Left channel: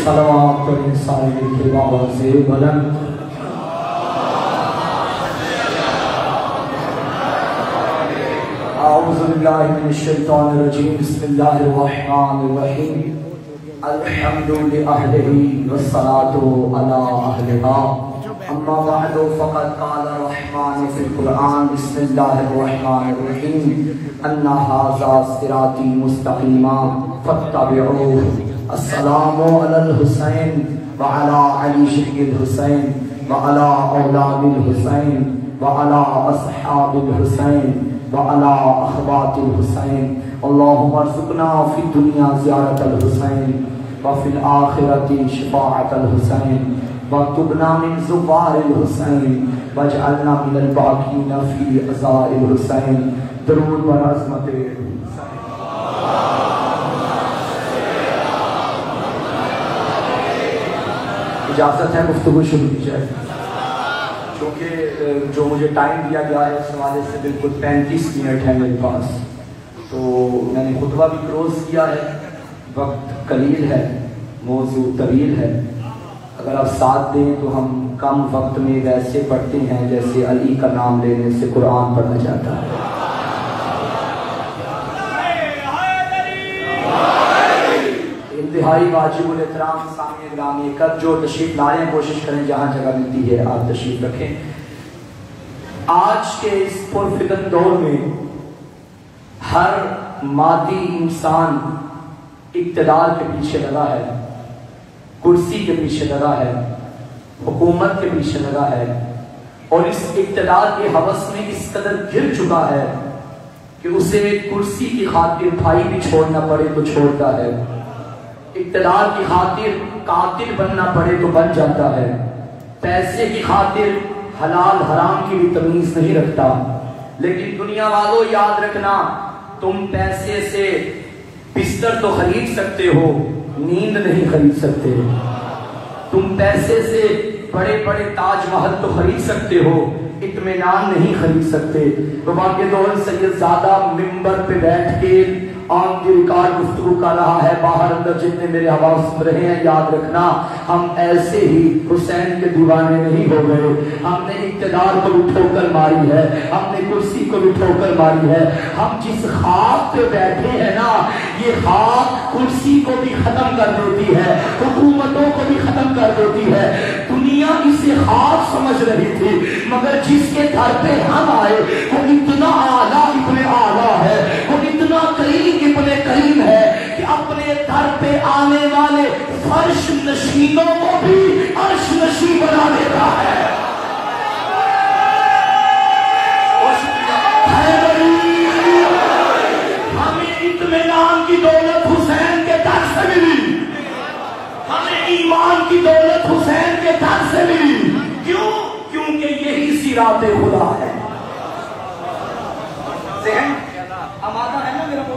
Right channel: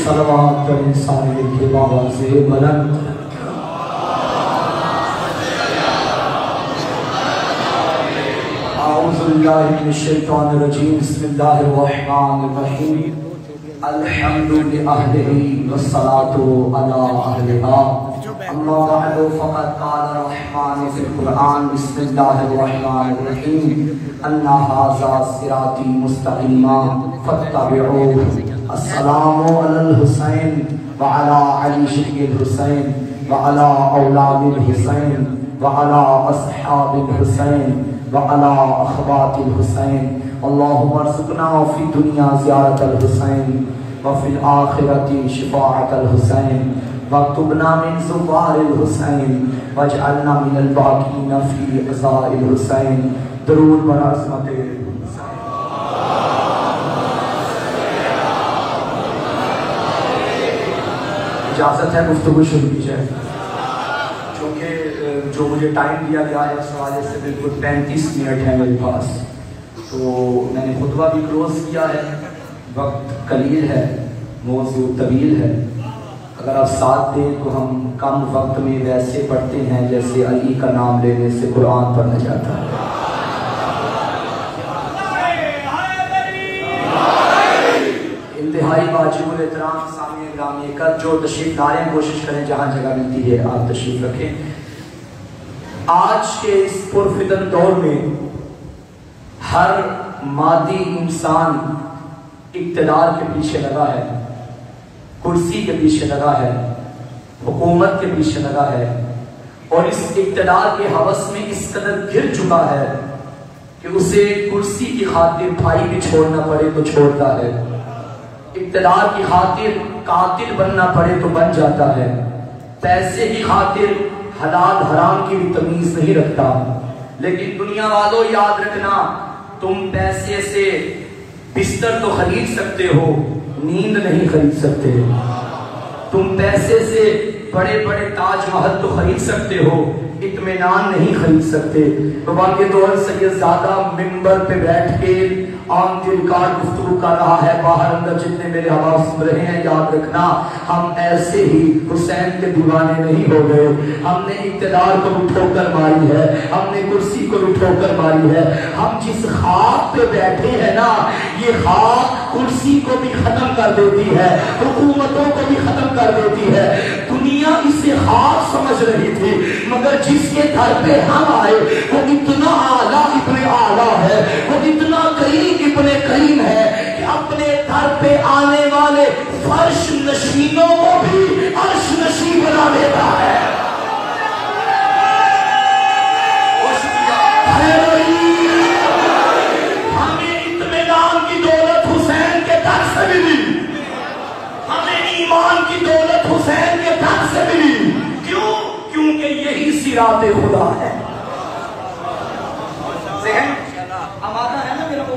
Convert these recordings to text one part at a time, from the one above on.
سلام کریں سامنے کی آواز بلند اعوذ باللہ من الشیطان الرجیم بسم اللہ الرحمن الرحیم الحمد للہ والصلاة علی اہلہا اما بعد فقد قال الرحمن فی القرآن بسم اللہ الرحمن الرحیم ان ھذا صراطی مستقیما فاتبعوہ السلام علی الحسین وعلی علی شقی الحسین وعلی اولاد الحسین وعلی اصحاب الحسین وعلی اخوات الحسین اللہم ارزقنا فی الدنیا زیارت الحسین وفی الآخرت شفاعت الحسین واکتبنا من زوار الحسین واجعلنا من الباقین فی عزاء الحسین درود بر عظمت اجازت ہے گفتگو شروع کی جائے چونکہ جو مجھے ٹائم دیا گیا ہے اس حوالے سے بالکل 35 منٹ ہے میرے پاس تو میں نے خطبہ بھی کلوز کیا ہے وقت قلیل ہے موضوع طویل ہے اگر آپ ساتھ دیں تو ہم کم وقت میں ویسے پڑھتے ہیں جیسے علی کا نام لینے سے قرآن پڑھا جاتا ہے انتہائی واجب الاحترام سامنے گرامی کا جو تشریف لائیں کوشش کریں جہاں جگہ ملتی ہے آپ تشریف رکھیں آج کے اس پرفتن دور میں ہر مادی انسان اقتدار کے پیچھے لگا ہے کرسی کے پیچھے لگا ہے حکومت کے پیچھے لگا ہے اور اس اقتدار کے ہوس میں اس قدر گر چکا ہے کہ اسے کرسی کی خاطر بھائی بھی چھوڑنا پڑے تو چھوڑتا ہے اقتدار کی خاطر قاتل بننا پڑے تو بن جاتا ہے پیسے کی خاطر حلال حرام کی بھی تمیز نہیں رکھتا لیکن دنیا والوں یاد رکھنا تم پیسے سے بستر تو خرید سکتے ہو نیند نہیں خرید سکتے تم پیسے سے بڑے بڑے تاج محل تو خرید سکتے ہو اطمینان نہیں خرید سکتے تو باقی دور سید زادہ ممبر پہ بیٹھ کے آن دی ریکارڈ گفتگو کر رہا ہے باہر اندر جتنے میرے حوالے سن رہے ہیں یاد رکھنا ہم ایسے ہی حسین کے دیوانے نہیں ہو گئے ہم نے اقتدار کو بھی ٹھوکر ماری ہے ہم نے کرسی کو بھی ٹھوکر ماری ہے ہم جس خاک پہ بیٹھے ہیں نا یہ خاک کرسی کو بھی ختم کر دیتی ہے حکومتوں کو بھی ختم کر دیتی ہے دنیا اسے خاک سمجھ رہی تھی مگر جس کے گھر پہ ہم آئے وہ اتنا اعلیٰ ابن اعلیٰ ہے وہ اتنا کریم ابن کریم ہے کہ اپنے گھر پہ آنے والے فرش نشینوں کو بھی عرش نشین بنا دیتا ہے ہمیں اطمینان کی دولت حسین کے گھر سے ملی ہمیں ایمان کی دولت حسین کے گھر سے ملی کیوں؟ کیونکہ یہی صراط خدا ہے ذہن آمادہ ہے نا میرے کو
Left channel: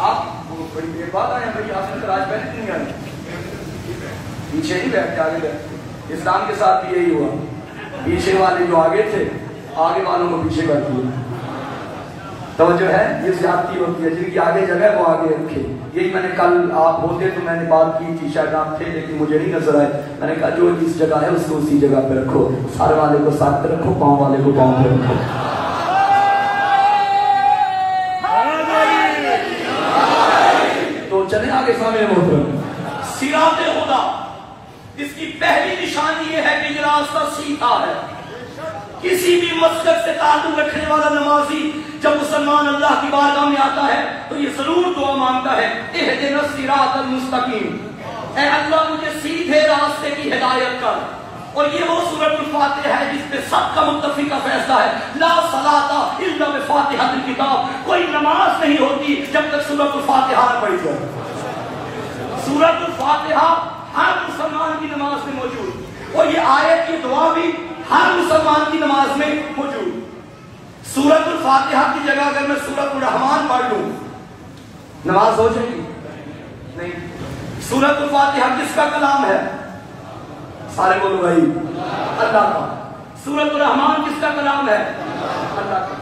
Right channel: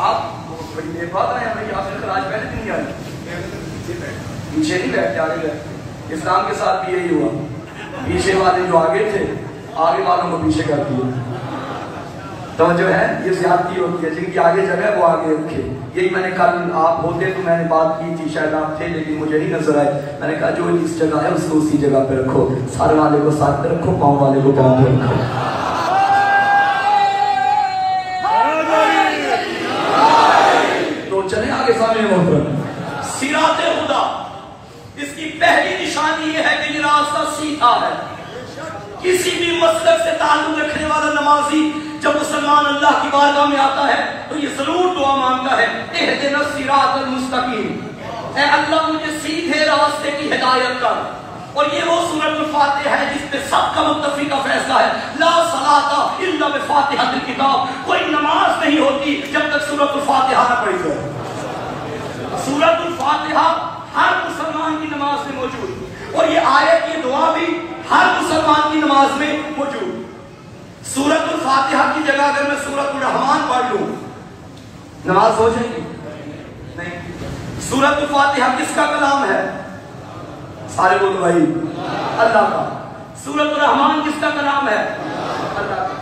آپ بڑی دیر بعد آئے ہمیں آخر خراج پہلے نہیں آئے پیچھے نہیں بیٹھتے آگے بیٹھتے اسلام کے ساتھ بھی یہی ہوا پیچھے والے جو آگے تھے آگے والوں کو پیچھے کر دیا تو جو ہے یہ زیادتی ہوتی ہے جن کی آگے جگہ وہ آگے رکھے یہی میں نے کل آپ ہوتے تو میں نے بات کی تھی شاید آپ تھے لیکن مجھے نہیں نظر آئے میں نے کہا جو اس جگہ ہے اس کو اسی جگہ پہ رکھو سارے والے کو ساتھ پہ رکھو پاؤں والے کو پاؤں پہ رکھو تو چلیں آگے سامنے محترم صراط خدا اس کی پہلی نشانی یہ ہے کہ یہ راستہ سیدھا ہے کسی بھی مسلک سے تعلق رکھنے والا نمازی جب مسلمان اللہ کی بارگاہ میں آتا ہے تو یہ ضرور دعا مانگتا ہے اہدنا الصراط المستقیم اے اللہ مجھے سیدھے راستے کی ہدایت کر اور یہ وہ سورۃ الفاتحہ ہے جس پہ سب کا متفقہ فیصلہ ہے لا صلاۃ الا بفاتحۃ الکتاب کوئی نماز نہیں ہوتی جب تک سورۃ الفاتحہ نہ پڑھی جائے سورۃ الفاتحہ ہر مسلمان کی نماز میں موجود اور یہ آیت کی دعا بھی ہر مسلمان کی نماز میں موجود سورۃ الفاتحہ کی جگہ اگر میں سورۃ الرحمان پڑھ لوں نماز ہو جائے گی؟ نہیں۔ سورۃ الفاتحہ کس کا کلام ہے؟ سارے بولو بھائی، اللہ کا۔ سورۃ الرحمان کس کا کلام ہے؟ اللہ کا۔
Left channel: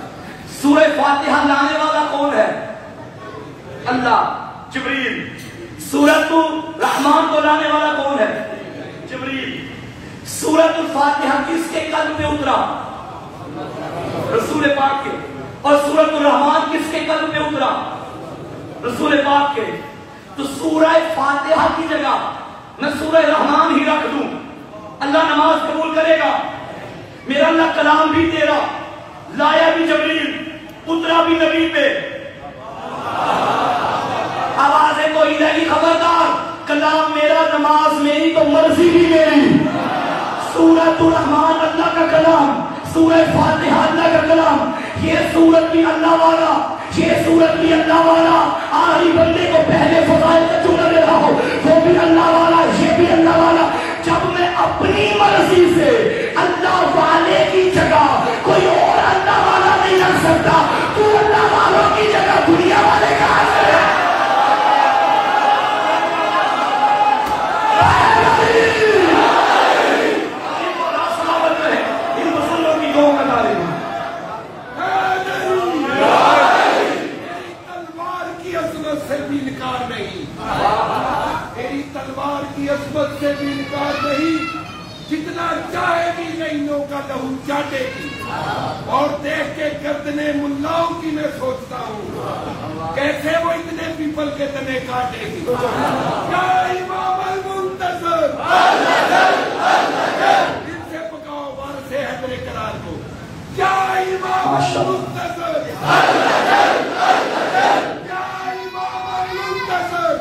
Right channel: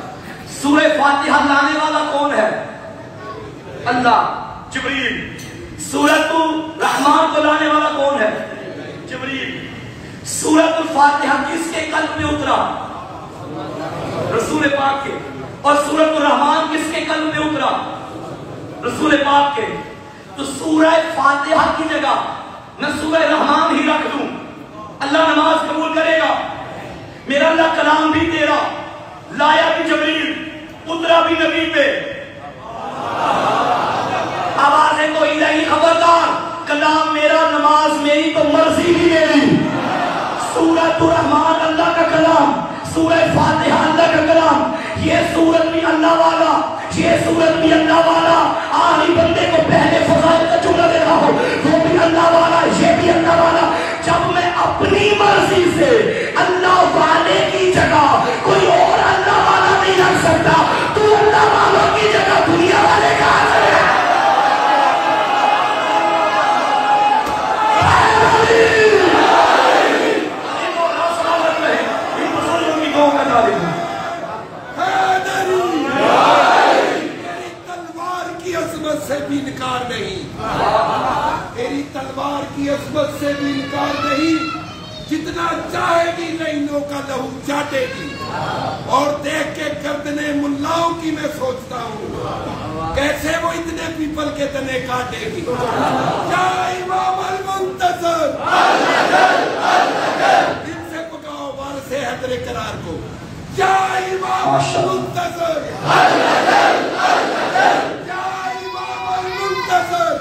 سورہ فاتحہ لانے والا کون ہے؟ اللہ، جبریل۔ سورۃ الرحمان کو لانے والا کون ہے؟ جبریل۔ سورۃ الفاتحہ کس کے قلب پہ اترا؟ رسول پاک کے۔ اور سورۃ الرحمان کس کے قلب پہ اترا؟ رسول پاک کے۔ تو سورہ فاتحہ کی جگہ نہ سورہ رحمان ہی رکھ دوں، اللہ نماز قبول کرے گا۔ میرا اللہ کلام بھی تیرا، لایا بھی جبریل، اترا بھی نبی پہ۔ آواز ہے کوئی نہیں، خبردار، کلام میرا، نماز میری، تو مرضی بھی میری۔ سورۃ الرحمان اللہ کا کلام، سورہ فاتحہ اللہ کا کلام، یہ سورت بھی اللہ والا، یہ سورت بھی اللہ والا۔ آخری بندے کو پہلے فضائل کا چکر دے رہا ہو، وہ بھی اللہ والا، یہ بھی اللہ والا۔ جب میں اپنی مرضی سے اللہ والے کی جگہ کوئی اور اللہ والا نہیں رکھ سکتا، تو اللہ والوں کی جگہ دنیا والے کا عصمت سے بھی انکار نہیں، جتنا چاہے گی نئیوں کا لہو چاٹے گی۔ اور دیکھ کے گردنے ملاؤں کی میں سوچتا ہوں کیسے وہ اتنے پیپل کے تنے کاٹے گی۔ کیا امام المنتظر، ان سے پکاؤ وارث حیدر قرار کو، کیا امام المنتظر، کیا امام المنتظر،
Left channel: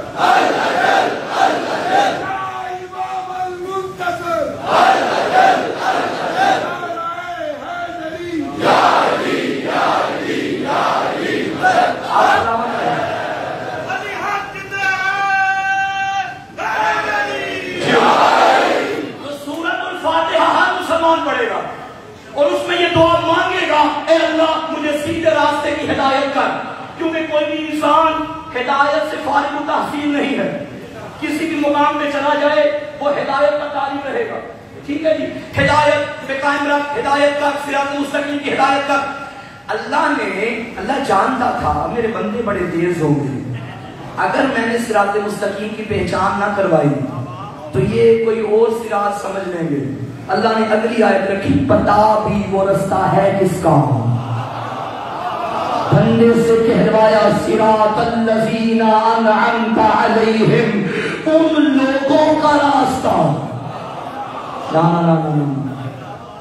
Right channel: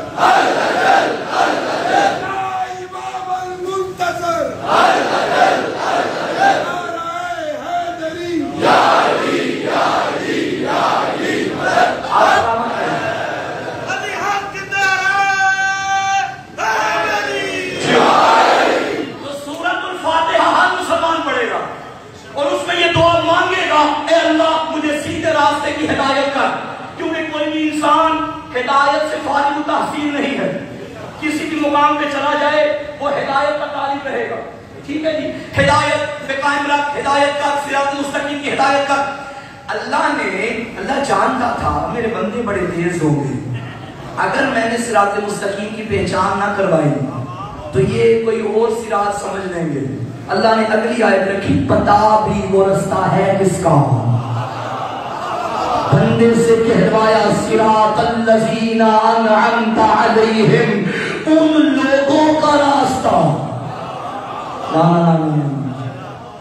ہدایت سے فارغ التحصیل نہیں ہے۔ کسی بھی مقام پہ چلا جائے وہ ہدایت کا طالب رہے گا، ٹھیک ہے جی، ہدایت پہ قائم رکھ، ہدایت کا، صراط مستقیم کی ہدایت کا۔ اللہ جانتا تھا میرے بندے بڑے تیز ہوں گے، اگر میں نے صراط مستقیم کی پہچان نہ کروائی تو یہ کوئی اور صراط سمجھ لیں گے۔ اللہ نے اگلی آیت رکھی، پتا بھی وہ رستہ ہے کس کا، بندے سے کہلوایا صراط الذین انعمت علیہم، ان لوگوں کا راستہ۔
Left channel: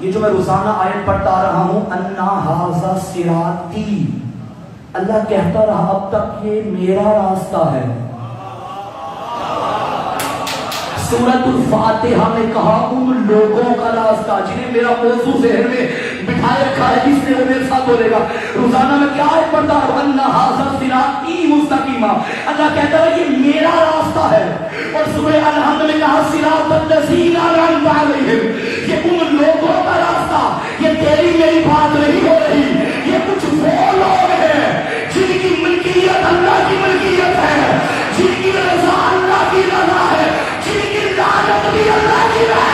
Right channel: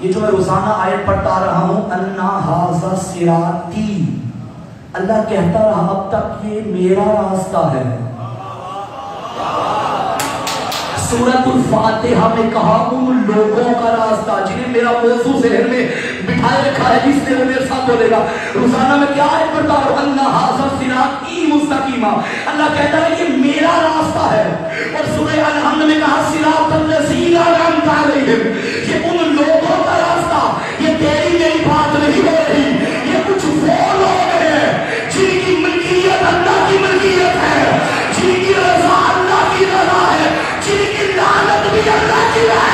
یہ جو میں روزانہ آیت پڑھتا رہا ہوں، انا ھذا صراطی، اللہ کہتا رہا اب تک یہ میرا راستہ ہے۔ سورۃ الفاتحہ میں کہا ان لوگوں کا راستہ جنہیں میرا موضوع ذہن میں بٹھائے رکھا ہے، جس نے وہ میرے ساتھ بولے گا۔ روزانہ میں کیا آیت پڑھتا ہوں، انا ھذا صراطی مستقیما، اللہ کہتا ہے یہ میرا راستہ ہے۔ اور سورہ الحمد میں کہا صراط الذین انعمت علیہم، یہ ان لوگوں کا راستہ، یہ تیری میری بات نہیں ہو رہی، یہ کچھ وہ لوگ ہیں جن کی ملکیت اللہ کی ملکیت ہے، جن کی رضا اللہ کی رضا ہے، جن کی لعنت بھی اللہ کی ہے۔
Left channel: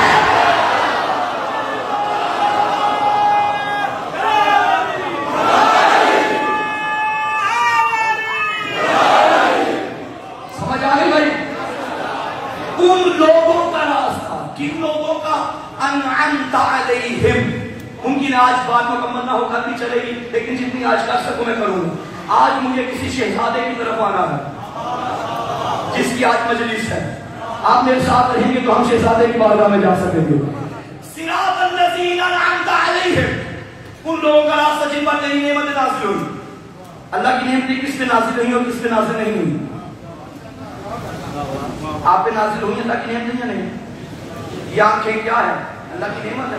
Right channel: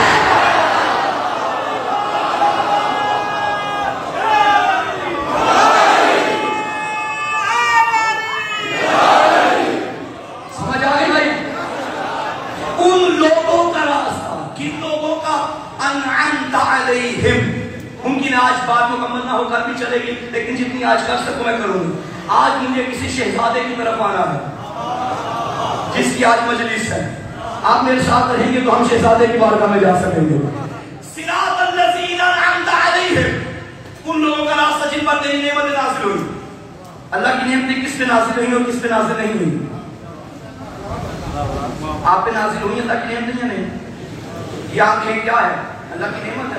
ممکن آج بات مکمل نہ ہو کر بھی چلے گی، لیکن جتنی آج کر سکوں میں کروں گا۔ آج مجھے کسی شہزادے کی طرف آنا ہے جس کی آج مجلس ہے، آپ میرے ساتھ رہیں گے تو ہم شہزادے کی بارگاہ میں جا سکیں گے۔ صراط الذین انعمت علیہم، ان لوگوں کا راستہ جن پر تیری نعمتیں نازل ہوئی۔ اللہ کی نعمتیں کس پہ نازل ہوئی اور کس پہ نازل نہیں ہوئی؟ آپ پہ نازل ہوئی اللہ کی نعمتیں یا نہیں؟ یہ آنکھیں کیا ہے؟ اللہ کی نعمت ہے،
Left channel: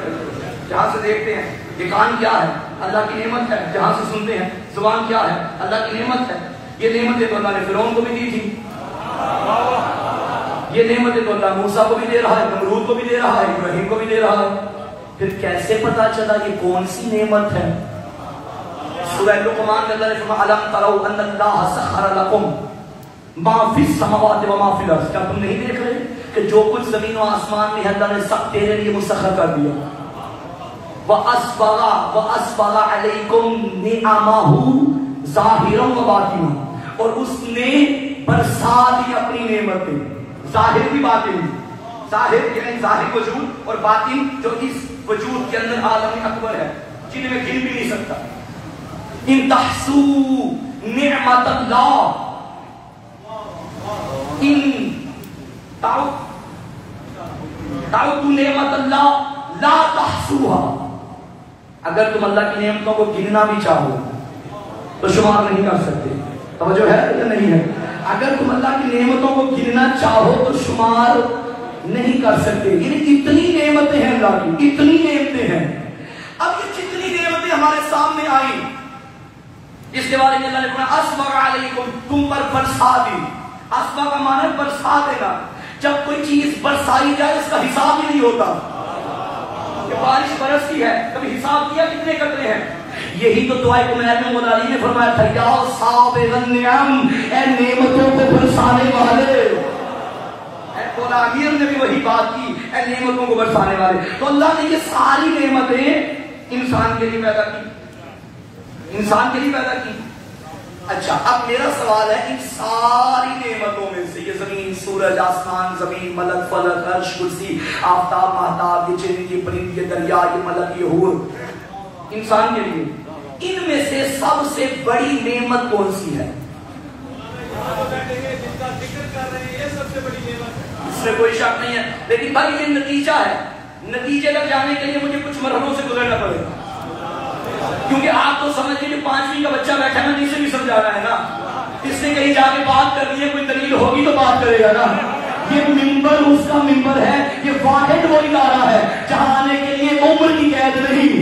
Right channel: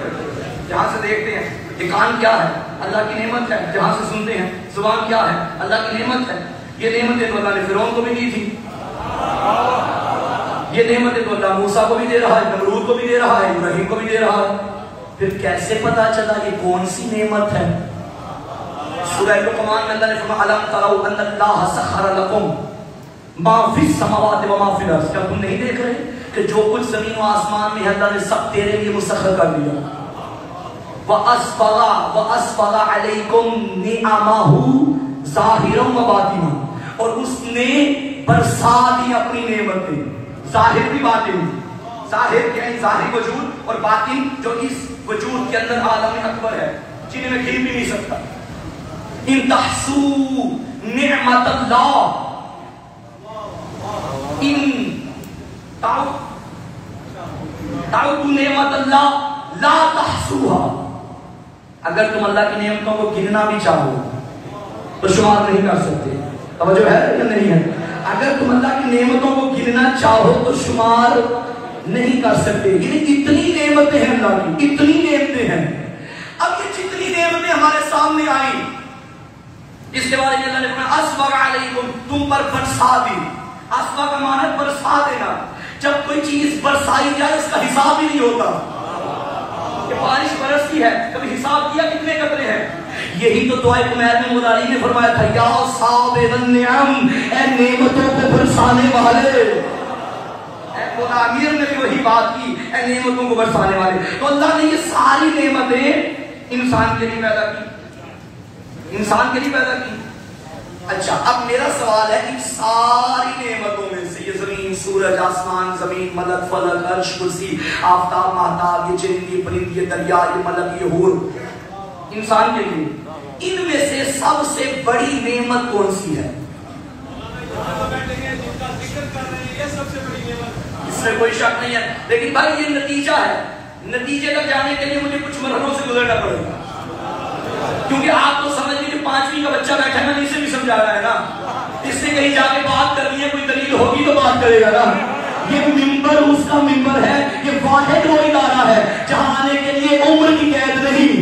جہاں سے دیکھتے ہیں۔ یہ کان کیا ہے؟ اللہ کی نعمت ہے، جہاں سے سنتے ہیں۔ زبان کیا ہے؟ اللہ کی نعمت ہے۔ یہ نعمتیں تو اللہ نے فرعون کو بھی دی تھی، یہ نعمتیں تو اللہ موسیٰ کو بھی دے رہا ہے، نمرود کو بھی دے رہا ہے، ابراہیم کو بھی دے رہا ہے۔ پھر کیسے پتا چلا کہ کون سی نعمت ہے؟ سورہ لقمان کے اندر فرمایا الم تروا ان اللہ سخر لکم ما فی السماوات و ما فی الارض، کیا تم نہیں دیکھ رہے کہ جو کچھ زمین و آسمان میں ہے اللہ نے سب تیرے لیے مسخر کر دیا. وَأَسْبَغَ عَلَيْكُمْ نِعَمَهُ ظَاهِرًا وَبَاطِنًا، اور اس نے برسا دی اپنی نعمتیں، ظاہر بھی باطن. ظاہر یعنی ظاہر وجود، اور باطن جو اس وجود کے اندر عالم اکبر ہے جنہیں میں گھر بھی نہیں سکتا. ان تحسوا نعمت اللہ ان تعدوا نعمت اللہ لا تحصوها، اگر تم اللہ کی نعمتوں کو گننا بھی چاہو تو شمار نہیں کر سکتے. توجہ ہے یا نہیں ہے؟ اگر تم اللہ کی نعمتوں کو گننا چاہو تو شمار نہیں کر سکتے. یعنی اتنی نعمتیں ہیں اللہ کی، اتنی نعمتیں ہیں. اب یہ جتنی نعمتیں ہمارے سامنے آئی، اس کے بعد اللہ نے فرمایا اسبغ علیکم، تم پر برسا دی. اسبغ کا معنی برسا دینا. جب کوئی چیز برسائی جائے اس کا حساب ہی نہیں ہوتا کہ بارش برستی ہے، کبھی حساب کیا کتنے قطرے ہیں. یہی تو دعائے عمیر میں مولا علی نے فرمایا تھا یا صابر النعم، اے نعمتوں کو برسانے والے. مولا امیر نے بھی وہی بات کی، اے نعمتوں کو برسانے والے. تو اللہ نے یہ ساری نعمتیں انسان کے لیے پیدا کی، انسان کے لیے پیدا کی. اچھا اب میرا سوال ہے ان ساری نعمتوں میں سے، یہ زمین، سورج، آسمان، زمین، ملک، فلک، عرش، کرسی، آفتاب، مہتاب، یہ چرند، یہ پرند، یہ دریا، یہ ملک، یہ حور، انسان کے لیے ان میں سے سب سے بڑی نعمت کون سی ہے؟ اس میں کوئی شک نہیں ہے. لیکن بھائی یہ نتیجہ ہے، نتیجے تک جانے کے لیے مجھے کچھ مرحلوں سے گزرنا پڑے گا. کیونکہ آپ کو سمجھ لیجیے 5ویں کا بچہ بیٹھا ہے، میں اسے بھی سمجھا رہا ہے نا. اس نے کہیں جا کے بات کرنی ہے، کوئی دلیل ہوگی تو بات کرے گا نا. یہ ممبر اس کا ممبر ہے، یہ واحد وہ ادارہ ہے جہاں آنے کے لیے عمر کی قید نہیں،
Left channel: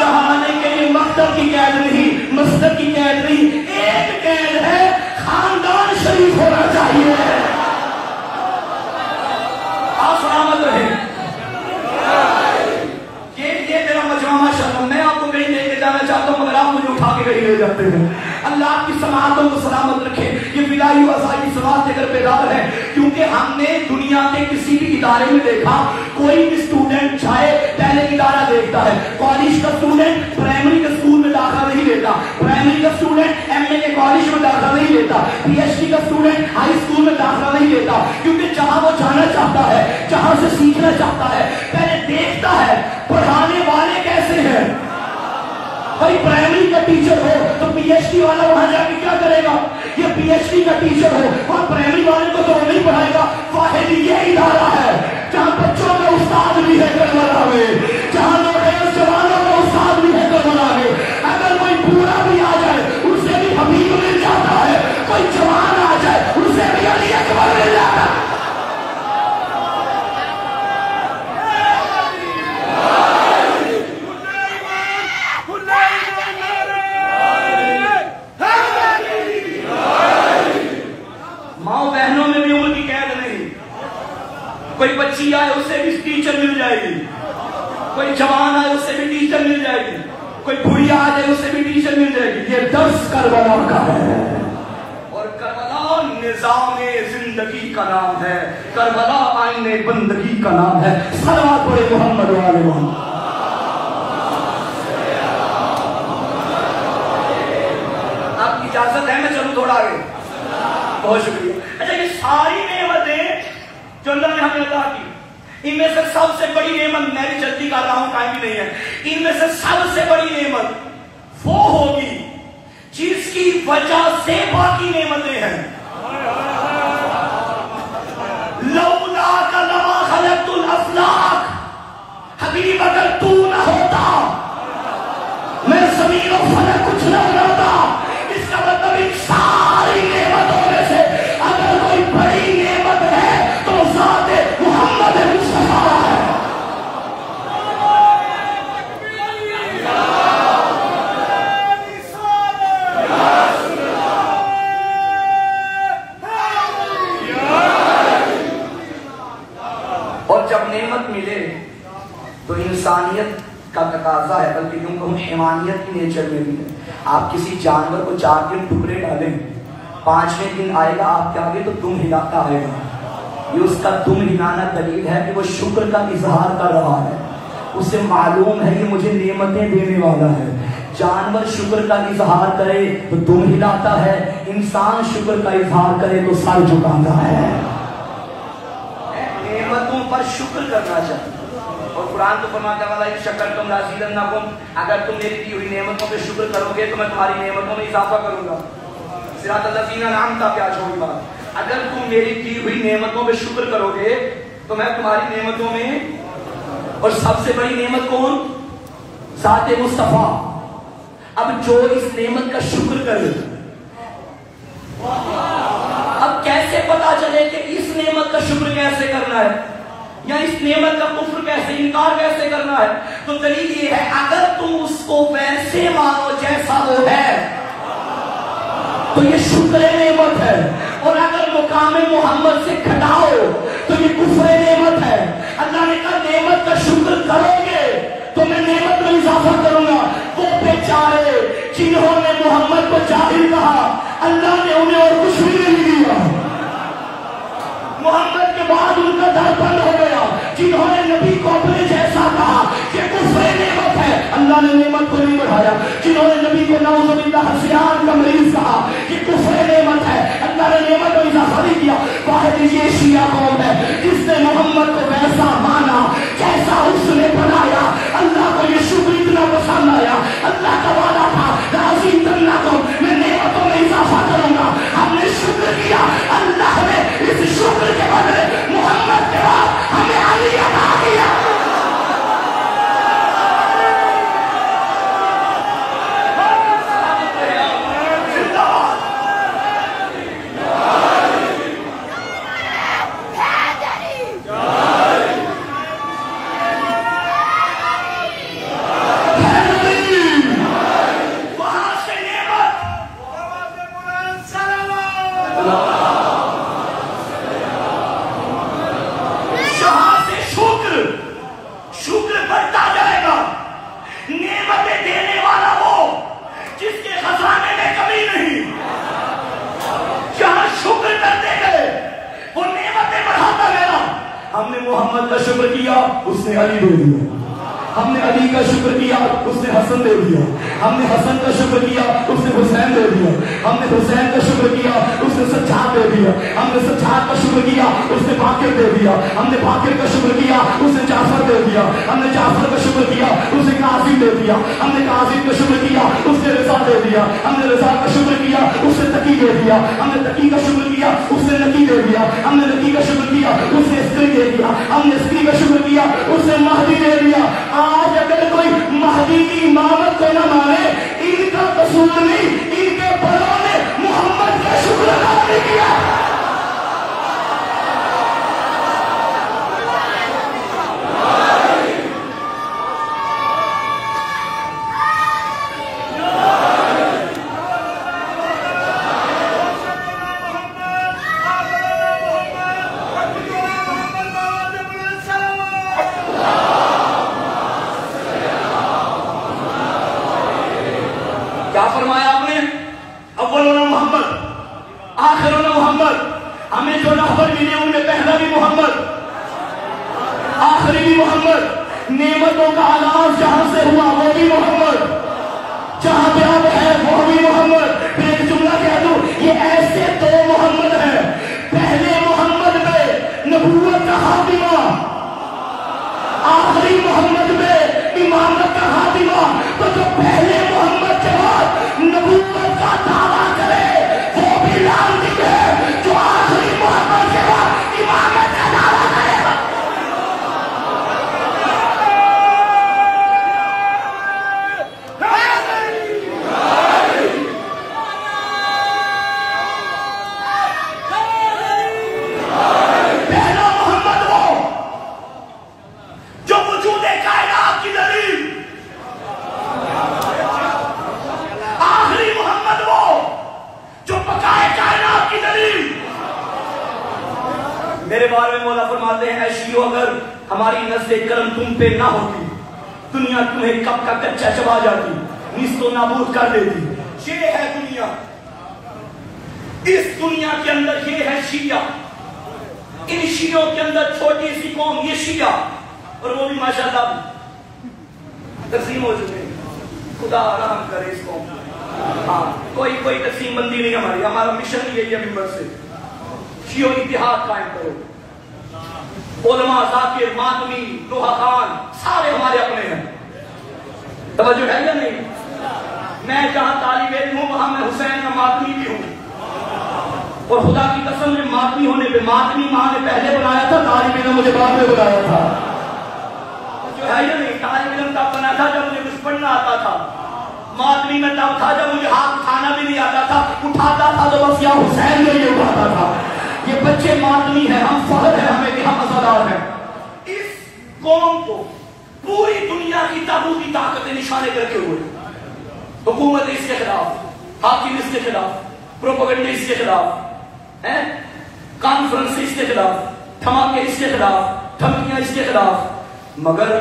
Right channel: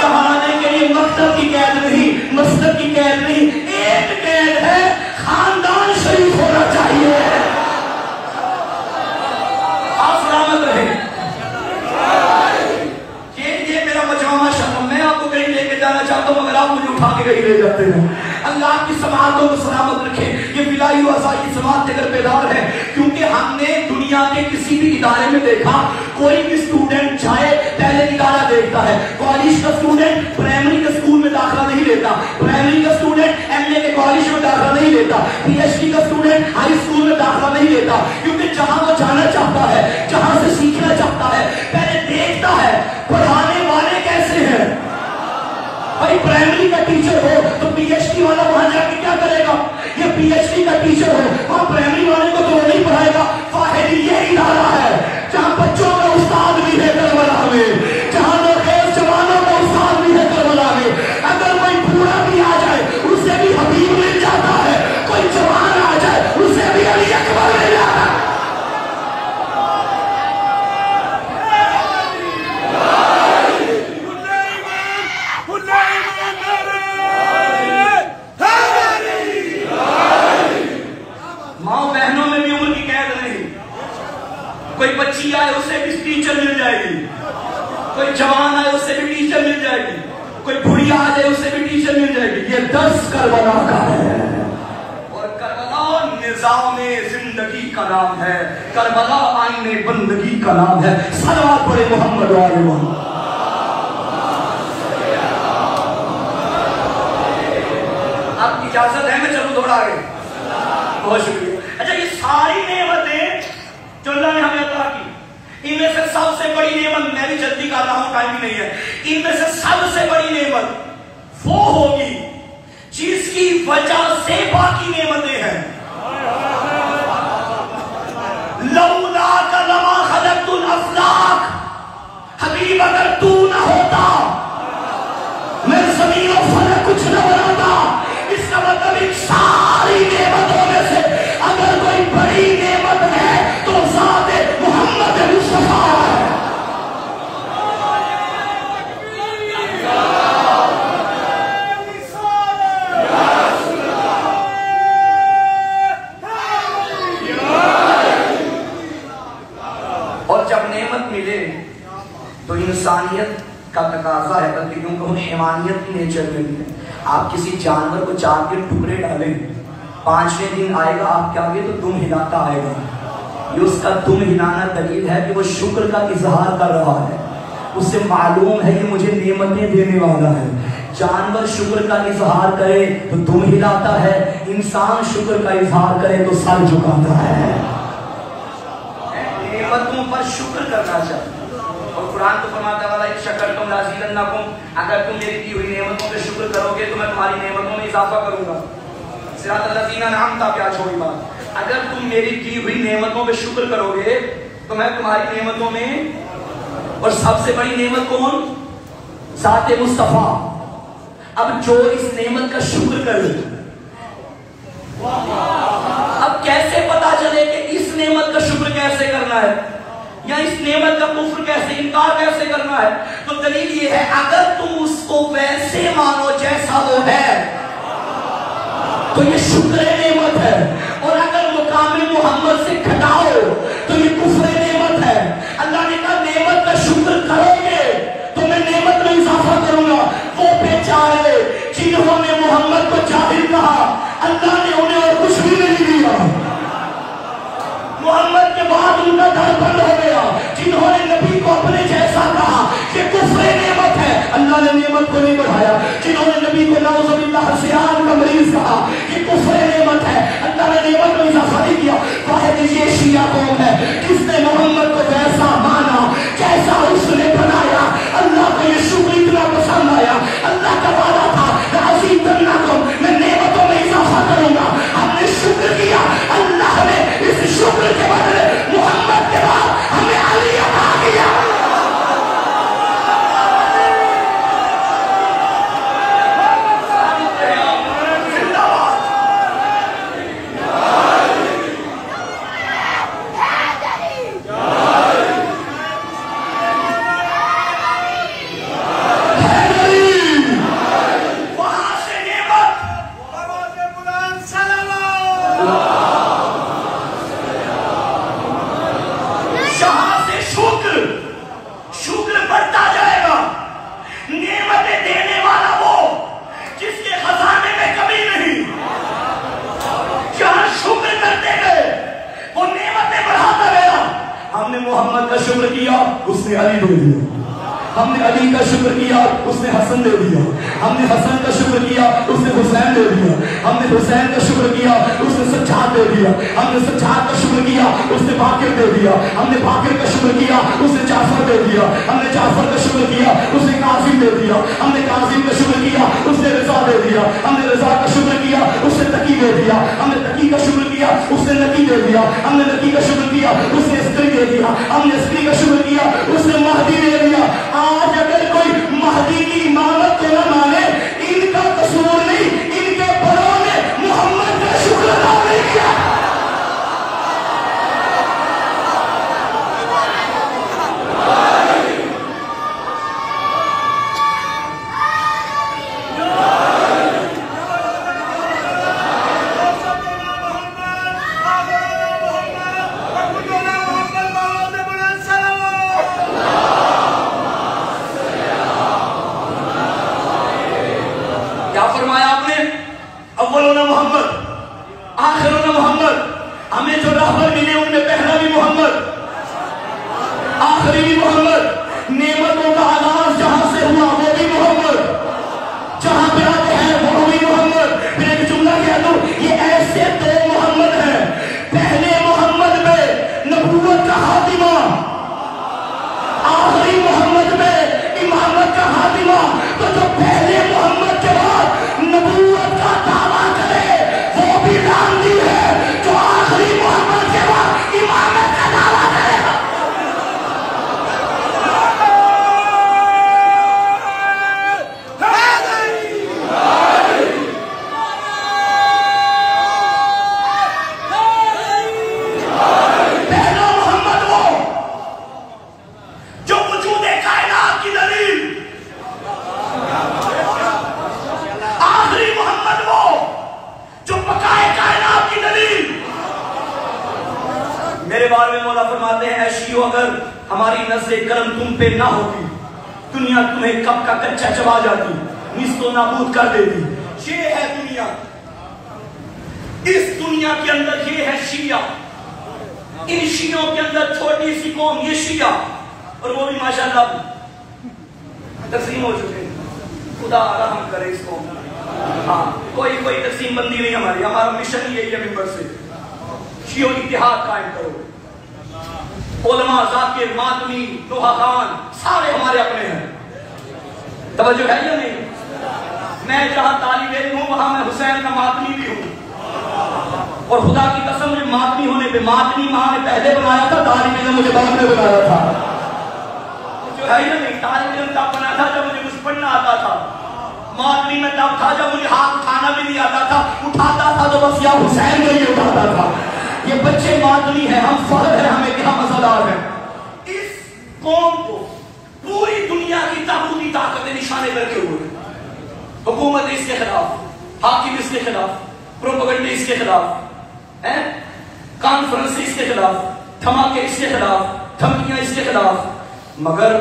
جہاں آنے کے لیے مکتب کی قید نہیں، مسجد کی قید نہیں. ایک قید ہے، خاندان شریف ہونا چاہیے. آپ سلامت رہے. میں آپ کو کہیں لے کے جانا چاہتا ہوں مگر آپ مجھے اٹھا کے کہیں لے جاتے ہیں. اللہ آپ کی سماعتوں کو سلامت رکھے. یہ بلائی و اسائی سماعت اگر بیدار ہے، کیونکہ ہم نے دنیا کے کسی بھی ادارے میں دیکھا کوئی بھی اسٹوڈنٹ جائے پہلے ادارہ دیکھتا ہے. کالج کا اسٹوڈنٹ پرائمری کے اسکول میں داخلہ نہیں لیتا، پرائمری کا اسٹوڈنٹ ایم اے کے کالج میں داخلہ نہیں لیتا، پی ایچ ڈی کا اسٹوڈنٹ ہائی اسکول میں داخلہ نہیں لیتا. کیونکہ جہاں وہ جانا چاہتا ہے، جہاں سے سیکھنا چاہتا ہے، پہلے دیکھتا ہے پڑھانے والے کیسے ہیں. بھائی پرائمری کا ٹیچر ہو تو پی ایچ ڈی والا وہاں جا کے کیا کرے گا؟ یہ پی ایچ ڈی کا ٹیچر ہو وہاں پرائمری والے کو تو نہیں پڑھائے گا. واحد یہ ادارہ ہے جہاں بچوں کا استاد بھی ہے کربلا میں، جہاں نوخیز جوانوں کا استاد بھی ہے کربلا میں. اگر کوئی بوڑھا بھی آ جائے اسے بھی حبیب مل جاتا ہے، کوئی جوان آ جائے اسے بھی علی اکبر مل جاتا ہے. کوئی بچی آئے اسے بھی ٹیچر مل جائے گی، کوئی جوان آئے اسے بھی ٹیچر مل جائے گی، کوئی بڑھیا آ جائے اسے بھی ٹیچر مل جائے گی. یہ درس کربلا کا ہے، اور کربلا نظام زندگی کا نام ہے، کربلا آئین بندگی کا نام ہے. سلوات پڑھے محمد والے محمد. آپ کی اجازت ہے میں چلوں تھوڑا آگے؟ بہت شکریہ. اچھا یہ ساری نعمتیں جو اللہ نے ہمیں عطا کی، ان میں سے سب سے بڑی نعمت، میں بھی جلدی کر رہا ہوں ٹائم بھی نہیں ہے، ان میں سے سب سے بڑی نعمت وہ ہوگی جس کی وجہ سے باقی نعمتیں ہیں. لولا کا لما خلقت الافلاک، حبیب اگر تو نہ ہوتا میں زمین و فلک کچھ نہ بناتا. اس کا مطلب ان ساری نعمتوں میں سے اگر کوئی بڑی نعمت ہے تو ذات محمد مصطفیٰ ہے. اور جب نعمت ملے تو انسانیت کا تقاضا ہے، بلکہ کیونکہ ہم حیوانیت کی نیچر میں بھی ہے۔ آپ کسی جانور کو 4 دن ٹکڑے ڈالیں، 5ویں دن آئے گا آپ کے آگے تو دم ہلاتا آئے گا۔ یہ اس کا دم ہلانا دلیل ہے کہ وہ شکر کا اظہار کر رہا ہے، اسے معلوم ہے کہ مجھے نعمتیں دینے والا ہے۔ جانور شکر کا اظہار کرے تو دم ہلاتا ہے، انسان شکر کا اظہار کرے تو سر جھکاتا ہے۔ نعمتوں پر شکر کرنا چاہیے، اور قرآن تو فرماتا ہے وَلَئِن شَكَرْتُمْ لَأَزِيدَنَّكُمْ، اگر تم میری دی ہوئی نعمتوں پہ شکر کرو گے تو میں تمہاری نعمتوں میں اضافہ کروں گا۔ صراط الذین انعمت پہ آ چھوڑوں گا، اگر تم میری دی ہوئی نعمتوں پہ شکر کرو گے تو میں تمہاری نعمتوں میں، اور سب سے بڑی نعمت کون؟ ذات مصطفیٰ۔ اب جو اس نعمت کا شکر کرے، اب کیسے پتا چلے کہ اس نعمت کا شکر کیسے کرنا ہے یا اس نعمت کا کفر کیسے، انکار کیسے کرنا ہے؟ تو دلیل یہ ہے اگر تم اس کو ویسے مانو جیسا وہ ہے تو یہ شکر نعمت ہے، اور اگر مقام محمد سے گھٹاؤ تو یہ کفر نعمت ہے۔ اللہ نے کہا نعمت کا شکر کرو گے تو میں نعمت میں اضافہ کروں گا۔ وہ بیچارے جنہوں نے محمد کو جاہل کہا، اللہ نے انہیں اور کچھ بھی نہیں دیا، محمد کے بعد ان کا در بند ہو گیا۔ جنہوں نے نبی کو اپنے جیسا کہا یہ کفر نعمت ہے، اللہ نے نعمت کو نہیں بڑھایا۔ جنہوں نے نبی کو نعوذ باللہ حسیان کا مریض کہا یہ کفر نعمت ہے، اللہ نے نعمت میں اضافہ نہیں کیا۔ واحد یہ شیعہ قوم ہے جس نے محمد کو ویسا مانا جیسا اس نے بنایا، اللہ کو یہ شکر اتنا پسند آیا، اللہ کا وعدہ تھا لَأَزِيدَنَّكُمْ، میں نعمتوں میں اضافہ کروں گا۔ ہم نے شکر کیا، اللہ نے اس شکر کے بدلے محمد کے بعد ہمیں علی عطا کیا۔ محمد کا شکر کیا اس نے علی دے دیا، ہم نے علی کا شکر کیا اس نے حسن دے دیا، ہم نے حسن کا شکر کیا اس نے حسین دے دیا، ہم نے حسین کا شکر کیا اس نے سجاد دے دیا، ہم نے سجاد کا شکر کیا اس نے باقر دے دیا، ہم نے باقر کا شکر کیا اس نے جعفر دے دیا، ہم نے جعفر کا شکر کیا اس نے قاسم دے دیا، ہم نے قاسم کا شکر کیا اس نے رضا دے دیا، ہم نے رضا کا شکر کیا اس نے تقی دے دیا، ہم نے تقی کا شکر کیا اس نے نقی دے دیا، ہم نے نقی کا شکر کیا اس نے استری دے دیا، ہم نے استری کا شکر کیا اس نے مہدی دے دیا۔ آج اگر کوئی مہدی کی امامت کو نہ مانے، ان کا قصور نہیں، ان کے بڑوں نے محمد کا شکر ادا نہیں کیا۔ دنیا تمہیں کب کا کچا چبا جاتی، نیست و نابود کر دیتی. یہ ہے دنیا. اس دنیا کے اندر یہ ہے شیعہ. ان شیعوں کے اندر چھوٹی سی قوم یہ شیعہ، اور وہ بھی ماشاءاللہ تقسیم ہو چکے ہیں. خدا رحم کرے اس قوم. ہاں کوئی تقسیم بندی نہیں ہماری. ہمارا مشن یہی ہے ممبر سے شیعوں کی اتحاد قائم کرو. علماء، ذاکر، ماتمی، دوحہ خان سارے ہمارے اپنے ہیں. توجہ ہے یا نہیں؟ میں جہاں طالب علم ہوں وہاں میں حسین کا ماتمی بھی ہوں، اور خدا کی قسم مجھے ماتمی ہونے پہ ماتمی ماں نے پہلے بنایا تھا، طالب علم مجھے بعد میں بنایا تھا. جو ہے یا نہیں؟ طالب علم کا بنا تھا جب مجھے کچھ پڑھنا آتا تھا. ماتمی میں تب تھا جب مجھے ہاتھ اٹھانا بھی نہیں آتا تھا. اٹھاتا تھا تو بس یار حسین کے لیے اٹھاتا تھا. یہ بچے ماتمی ہیں، ہم فخر ہے ہمیں کہ ہم مزادار ہیں. اس قوم کو پوری دنیا کی طاغوتی طاقتیں نشانے کر کے ہوئے. حکومت اس کے خلاف، حاکم اس کے خلاف، پروپیگنڈے اس کے خلاف، کانفرنس اس کے خلاف، دھماکے اس کے خلاف، دھمکیاں اس کے خلاف. مگر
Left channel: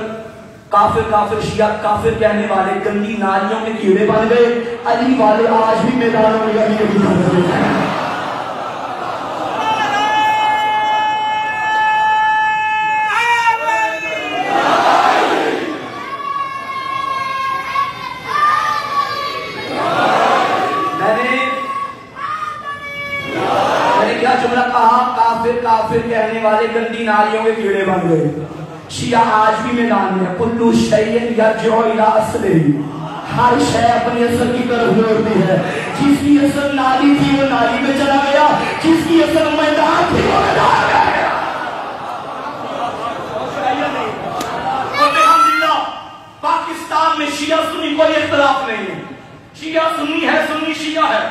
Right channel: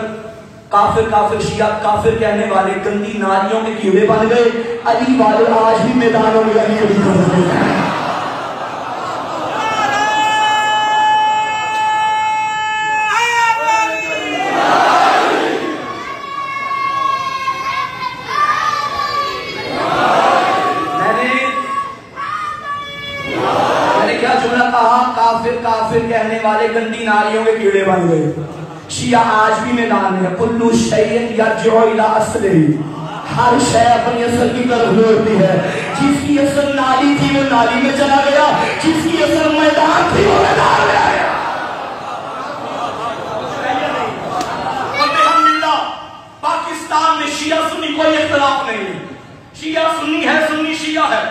کافر شیعہ کافر کہنے والے گندی نالیوں کے کیڑے بن گئے. علی والے آج بھی میدانوں میں لگی ہوئی ہیں. کافر کہنے والے گندی نالیوں کے کیڑے بن گئے. شیعہ آج بھی میدان میں. کلو شیء یرجع الی اصلہ، ہر شے اپنی اصل کی طرف لوٹتی ہے. جس کی اصل نالی تھی وہ نالی میں چلا گیا، جس کی اصل میدان تھی وہ میدان میں گیا. پاکستان میں شیعہ سنی کوئی اختلاف نہیں ہے. شیعہ سنی ہے، سنی شیعہ ہے.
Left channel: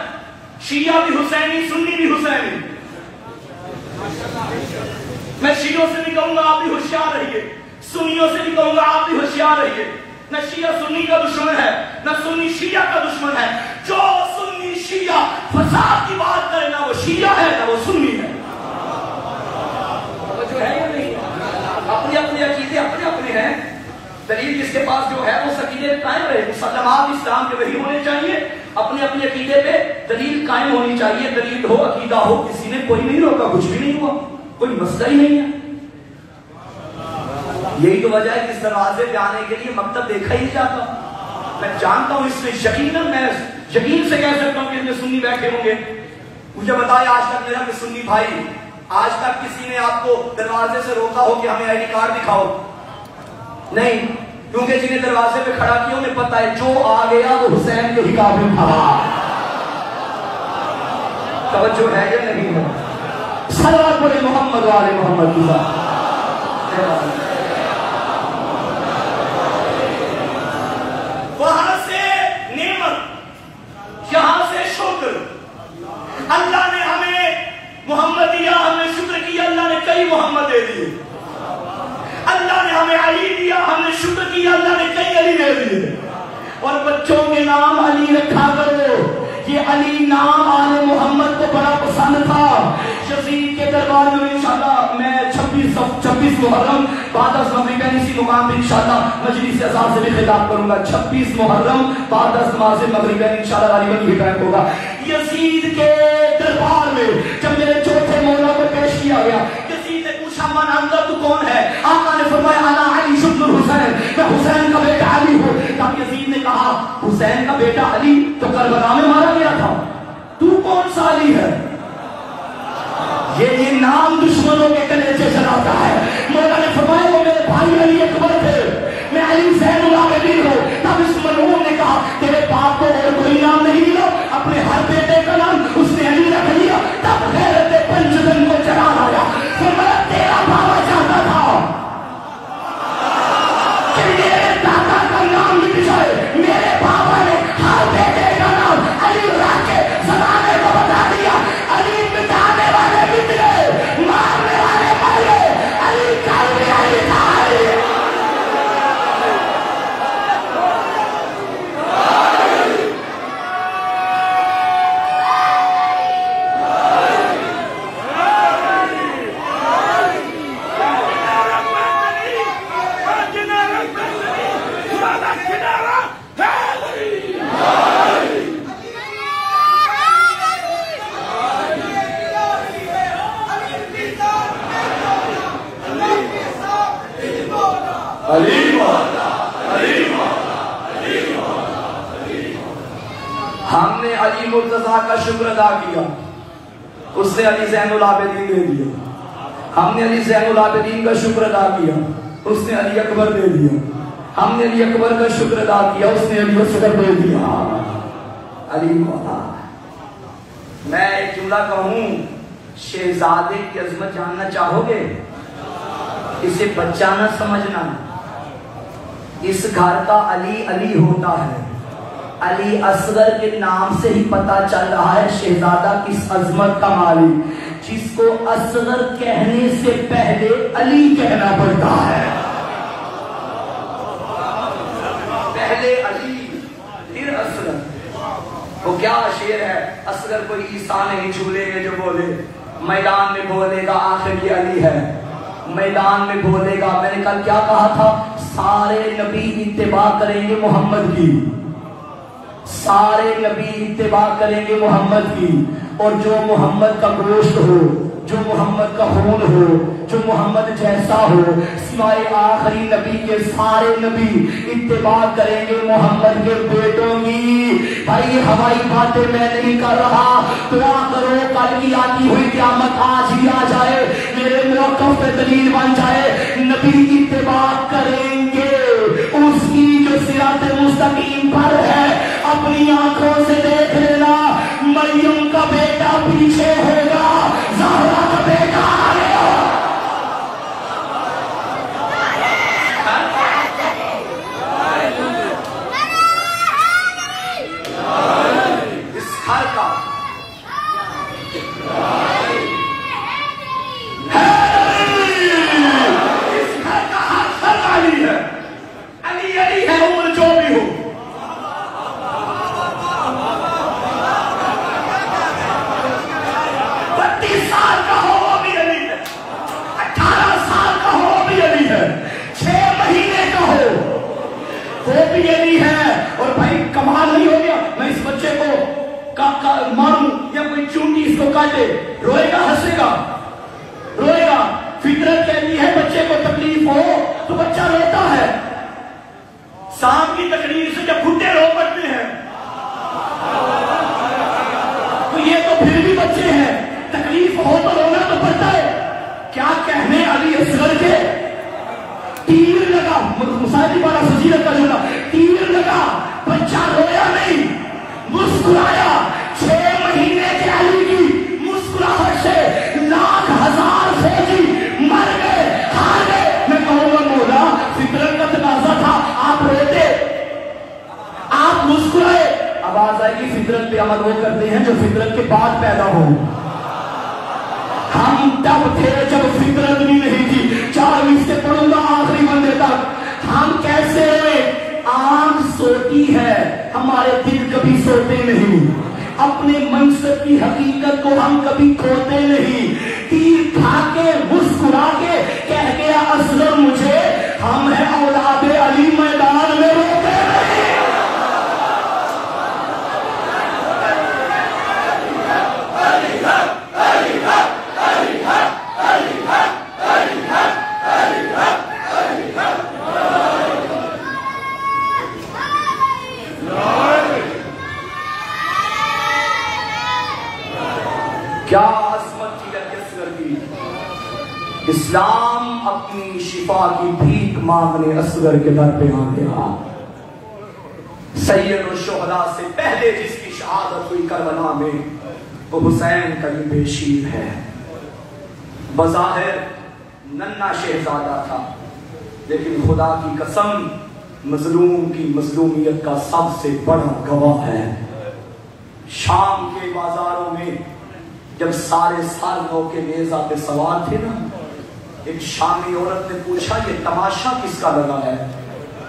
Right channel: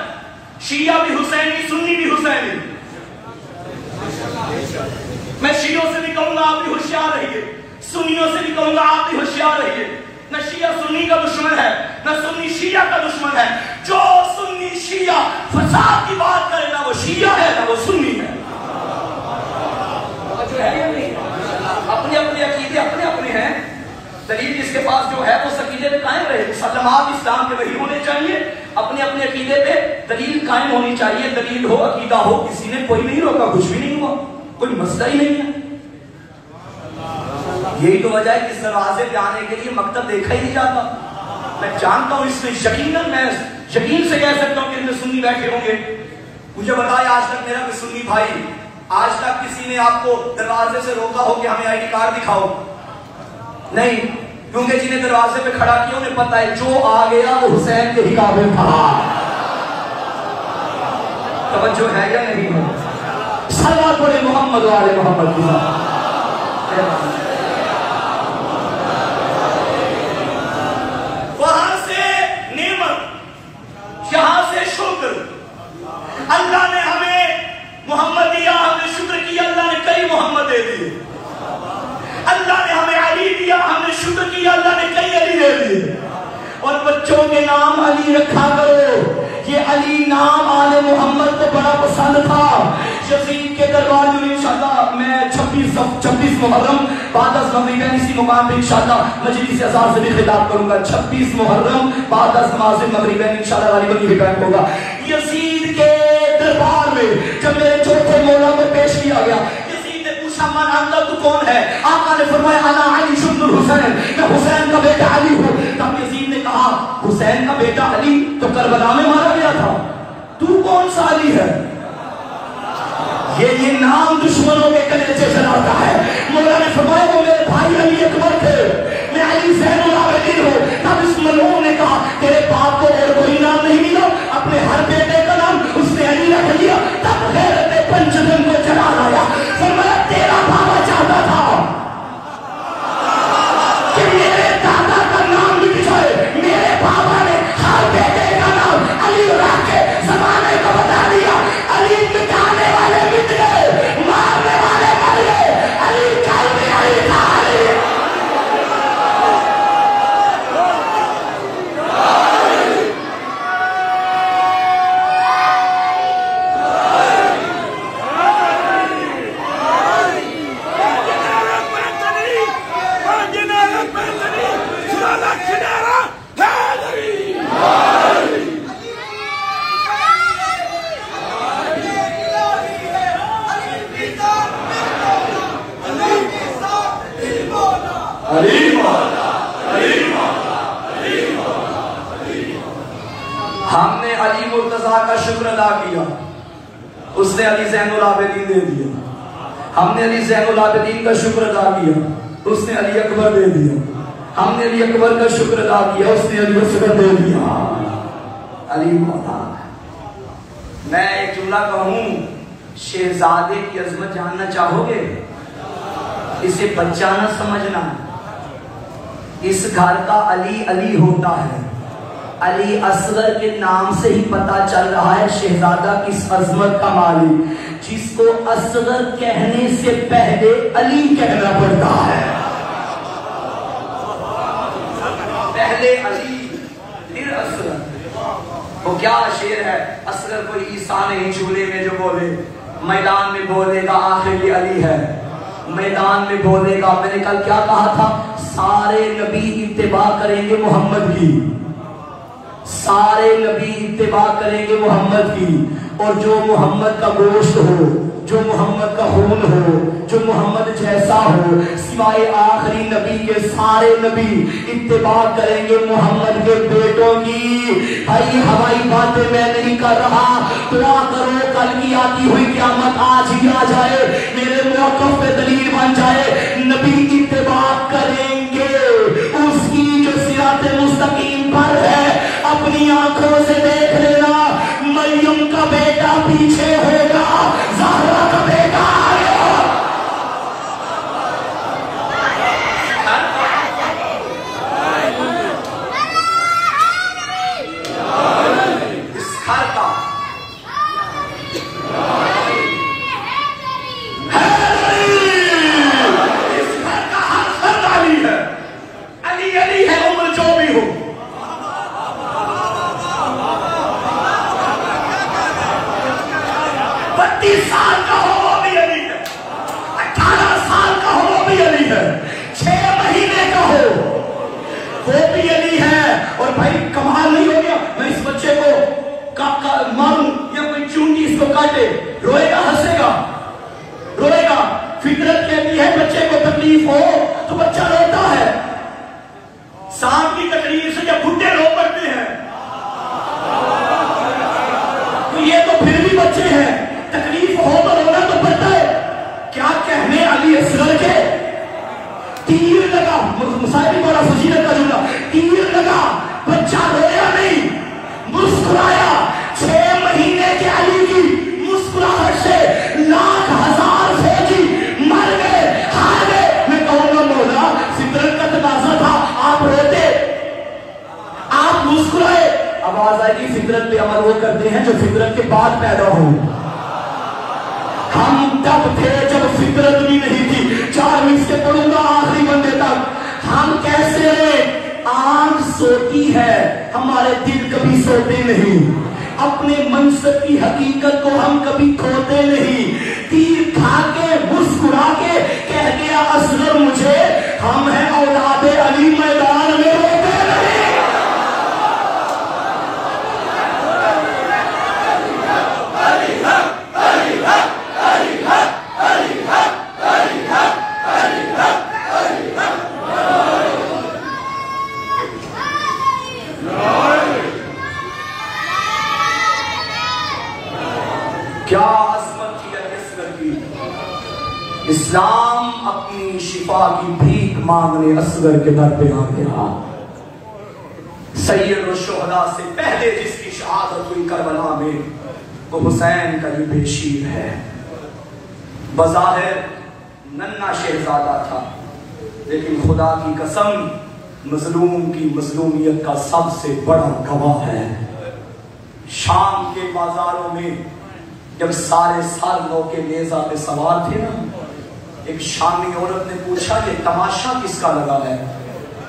شیعہ بھی حسینی، سنی بھی حسینی. میں شیعوں سے بھی کہوں گا آپ بھی ہوشیار رہیے، سنیوں سے بھی کہوں گا آپ بھی ہوشیار رہیے. نہ شیعہ سنی کا دشمن ہے، نہ سنی شیعہ کا دشمن ہے. جو سنی شیعہ فساد کی بات کرے نہ وہ شیعہ ہے نہ وہ سنی ہے. جو ہے یا نہیں؟ اپنے اپنے عقیدے اپنے اپنے ہیں. دلیل جس کے پاس جو ہے وہ اس عقیدے پہ قائم رہے. مسلمان اسلام کے وہی ہونے چاہیے. اپنے اپنے عقیدے پہ دلیل قائم ہونی چاہیے. دلیل ہو، عقیدہ ہو، کسی نے کوئی نہیں روکا، کچھ بھی نہیں ہوا، کوئی مسئلہ ہی نہیں ہے. یہی تو وجہ ہے کہ اس دروازے پہ آنے کے لیے مکتب دیکھا ہی نہیں جاتا. میں جانتا ہوں اس میں یقیناً میں یقین سے کہہ سکتا ہوں کہ ان میں سنی بیٹھے ہوں گے. مجھے بتایا آج تک میرا کوئی سنی بھائی، آج تک کسی نے آپ کو دروازے سے روکا ہو کہ ہمیں آئی ڈی کارڈ دکھاؤ؟ نہیں، کیونکہ جنہیں دروازے پہ کھڑا کیا انہیں پتا ہے جو آ گیا وہ حسین کے ہی قابل تھا. توجہ ہے یا نہیں ہو؟ صلوات علی محمد و آل محمد. وہاں سے نعمت، یہاں سے شکر. اللہ نے ہمیں محمد دیا، ہم نے شکر کیا. اللہ نے کئی محمد دے دیے. اللہ نے ہمیں علی دیا، ہم نے شکر کیا. اللہ نے کئی علی دے دیے. اور بچوں کے نام علی رکھا کرو. یہ علی نام آل محمد کو بڑا پسند تھا. یزید کے دربار میں انشاءاللہ میں 26 محرم بعد از مغرب اسی مقام پہ انشاءاللہ مجلس اذان سے بھی خطاب کروں گا. 26 محرم بعد از نماز مغرب انشاءاللہ علی گنج ٹائم ہوگا. یزید کے دربار میں جب میرے چوتھے مولا کو پیش کیا گیا، یزید نے پوچھا مانا تو کون ہے؟ آقا نے فرمایا انا علی ابن الحسین، میں حسین کا بیٹا علی ہوں. تب یزید نے کہا حسین کا بیٹا علی تو کربلا میں مارا گیا تھا، تو کون سا علی ہے؟ یہ نام دشمنوں کے کلیجے جلاتا ہے. مولا نے فرمایا وہ میرے بھائی علی اکبر تھے، میں علی زین العابدین ہوں. تب اس ملعون نے کہا تیرے باپ کو اور کوئی نام نہیں ملا، اپنے ہر بیٹے کا نام اس نے علی رکھ لیا. تب غیرت پنجتن کو چڑھا لایا. فرمایا تیرا بابا چاہتا تھا کہ میرے دادا کا نام مٹ جائے، میرے بابا نے ہر بیٹے کا نام علی رکھ کے زمانے کو بتا دیا. علی مٹانے والے مٹ گئے، مارنے اس نے علی زین العابدین دے دیا. ہم نے علی زین العابدین کا شکر ادا کیا, اس نے علی اکبر دے دیا. ہم نے علی اکبر کا شکر ادا کیا, اس نے علی اصغر دے دیا. علی مولا. میں ایک جملہ کہوں, شہزادے کی عظمت جاننا چاہو گے؟ اسے بچہ نہ سمجھنا. اس گھر کا علی علی ہوتا ہے. علی اصغر کے نام سے ہی پتا چل رہا ہے شہزادہ کس عظمت کا مالک, جس کو اصغر کہنے سے پہلے علی کہنا پڑتا ہے. پہلے علی پھر اصغر. وہ کیا شعر ہے, اصغر کو عیسیٰ نہیں چھولیں گے جو بولے, میدان میں بولے گا آخر یہ علی ہے. میدان میں بولے گا. میں نے کل کیا کہا تھا, سارے نبی اتباع کریں گے محمد کی, سارے نبی اتباع کریں گے محمد کی, اور جو محمد کا گوشت ہو, جو محمد کا خون ہو, جو محمد جیسا ہو, سوائے آخری نبی کے سارے نبی اتباع کریں گے محمد کے بیٹوں کی. بھائی یہ ہوائی باتیں میں نہیں کر رہا, دعا کرو کل کی آتی ہوئی قیامت آج ہی آ جائے, میرے موقف پہ دلیل بن جائے. نبی اتباع کریں گے اس کی جو صراط مستقیم پر ہے. اپنی آنکھوں سے دیکھ لینا, مریم کا بیٹا پیچھے ہوگا, زہرا کا بیٹا آگے ہوگا. اس گھر کا روئے گا, ہنسے گا, روئے گا. فطرت کہتی ہے بچے کو تکلیف ہو تو بچہ روتا ہے. سانپ کی تکلیف سے جب بھوٹے رو پڑتے ہیں تو یہ تو پھر بھی بچے ہیں, تکلیف ہو تو رونا تو پڑتا ہے. کیا کہنے علی اصغر کے, تیر لگا, مصاحبی والا فضیلت کروں گا, تیر لگا, بچہ رویا نہیں, مسکرایا. 6 مہینے کے علی کی مسکراہٹ سے لاکھ ہزار فوجی مر گئے, ہار گئے. میں کہوں گا مولا فطرت کا تقاضا تھا, آپ روتے, آپ مسکرائے. آواز آئے گی فطرت پہ عمل وہ کرتے ہیں جو فطرت کے بعد پیدا ہو. ہم تب تھے جب فطرت بھی نہیں تھی. 4 مصرے پڑھوں گا آخری بندے تک. ہم کیسے روئے, آنکھ سوتی ہے, ہمارے دل کبھی سوتے نہیں. اپنے منصب کی حقیقت کو ہم کبھی کھوتے نہیں. تیر کھا کے مسکرا کے کہہ گیا اصغر مجھے, ہم ہیں اولاد علی, میدان میں روتے نہیں. کیا عظمت تھی علی اصغر کی. اسلام اپنی شفا کی بھیک مانگنے اصغر کے در پہ آ گیا. سید الشہداء سے پہلے جس کی شہادت ہوئی کربلا میں وہ حسین کا یہ بشیر ہے. بظاہر ننھا شہزادہ تھا, لیکن خدا کی قسم مظلوم کی مظلومیت کا سب سے بڑا گواہ ہے. شام کے بازاروں میں جب سارے سال لوگ کے نیزہ پہ سوار تھے نا, ایک شامی عورت نے پوچھا یہ تماشا کس کا لگا ہے.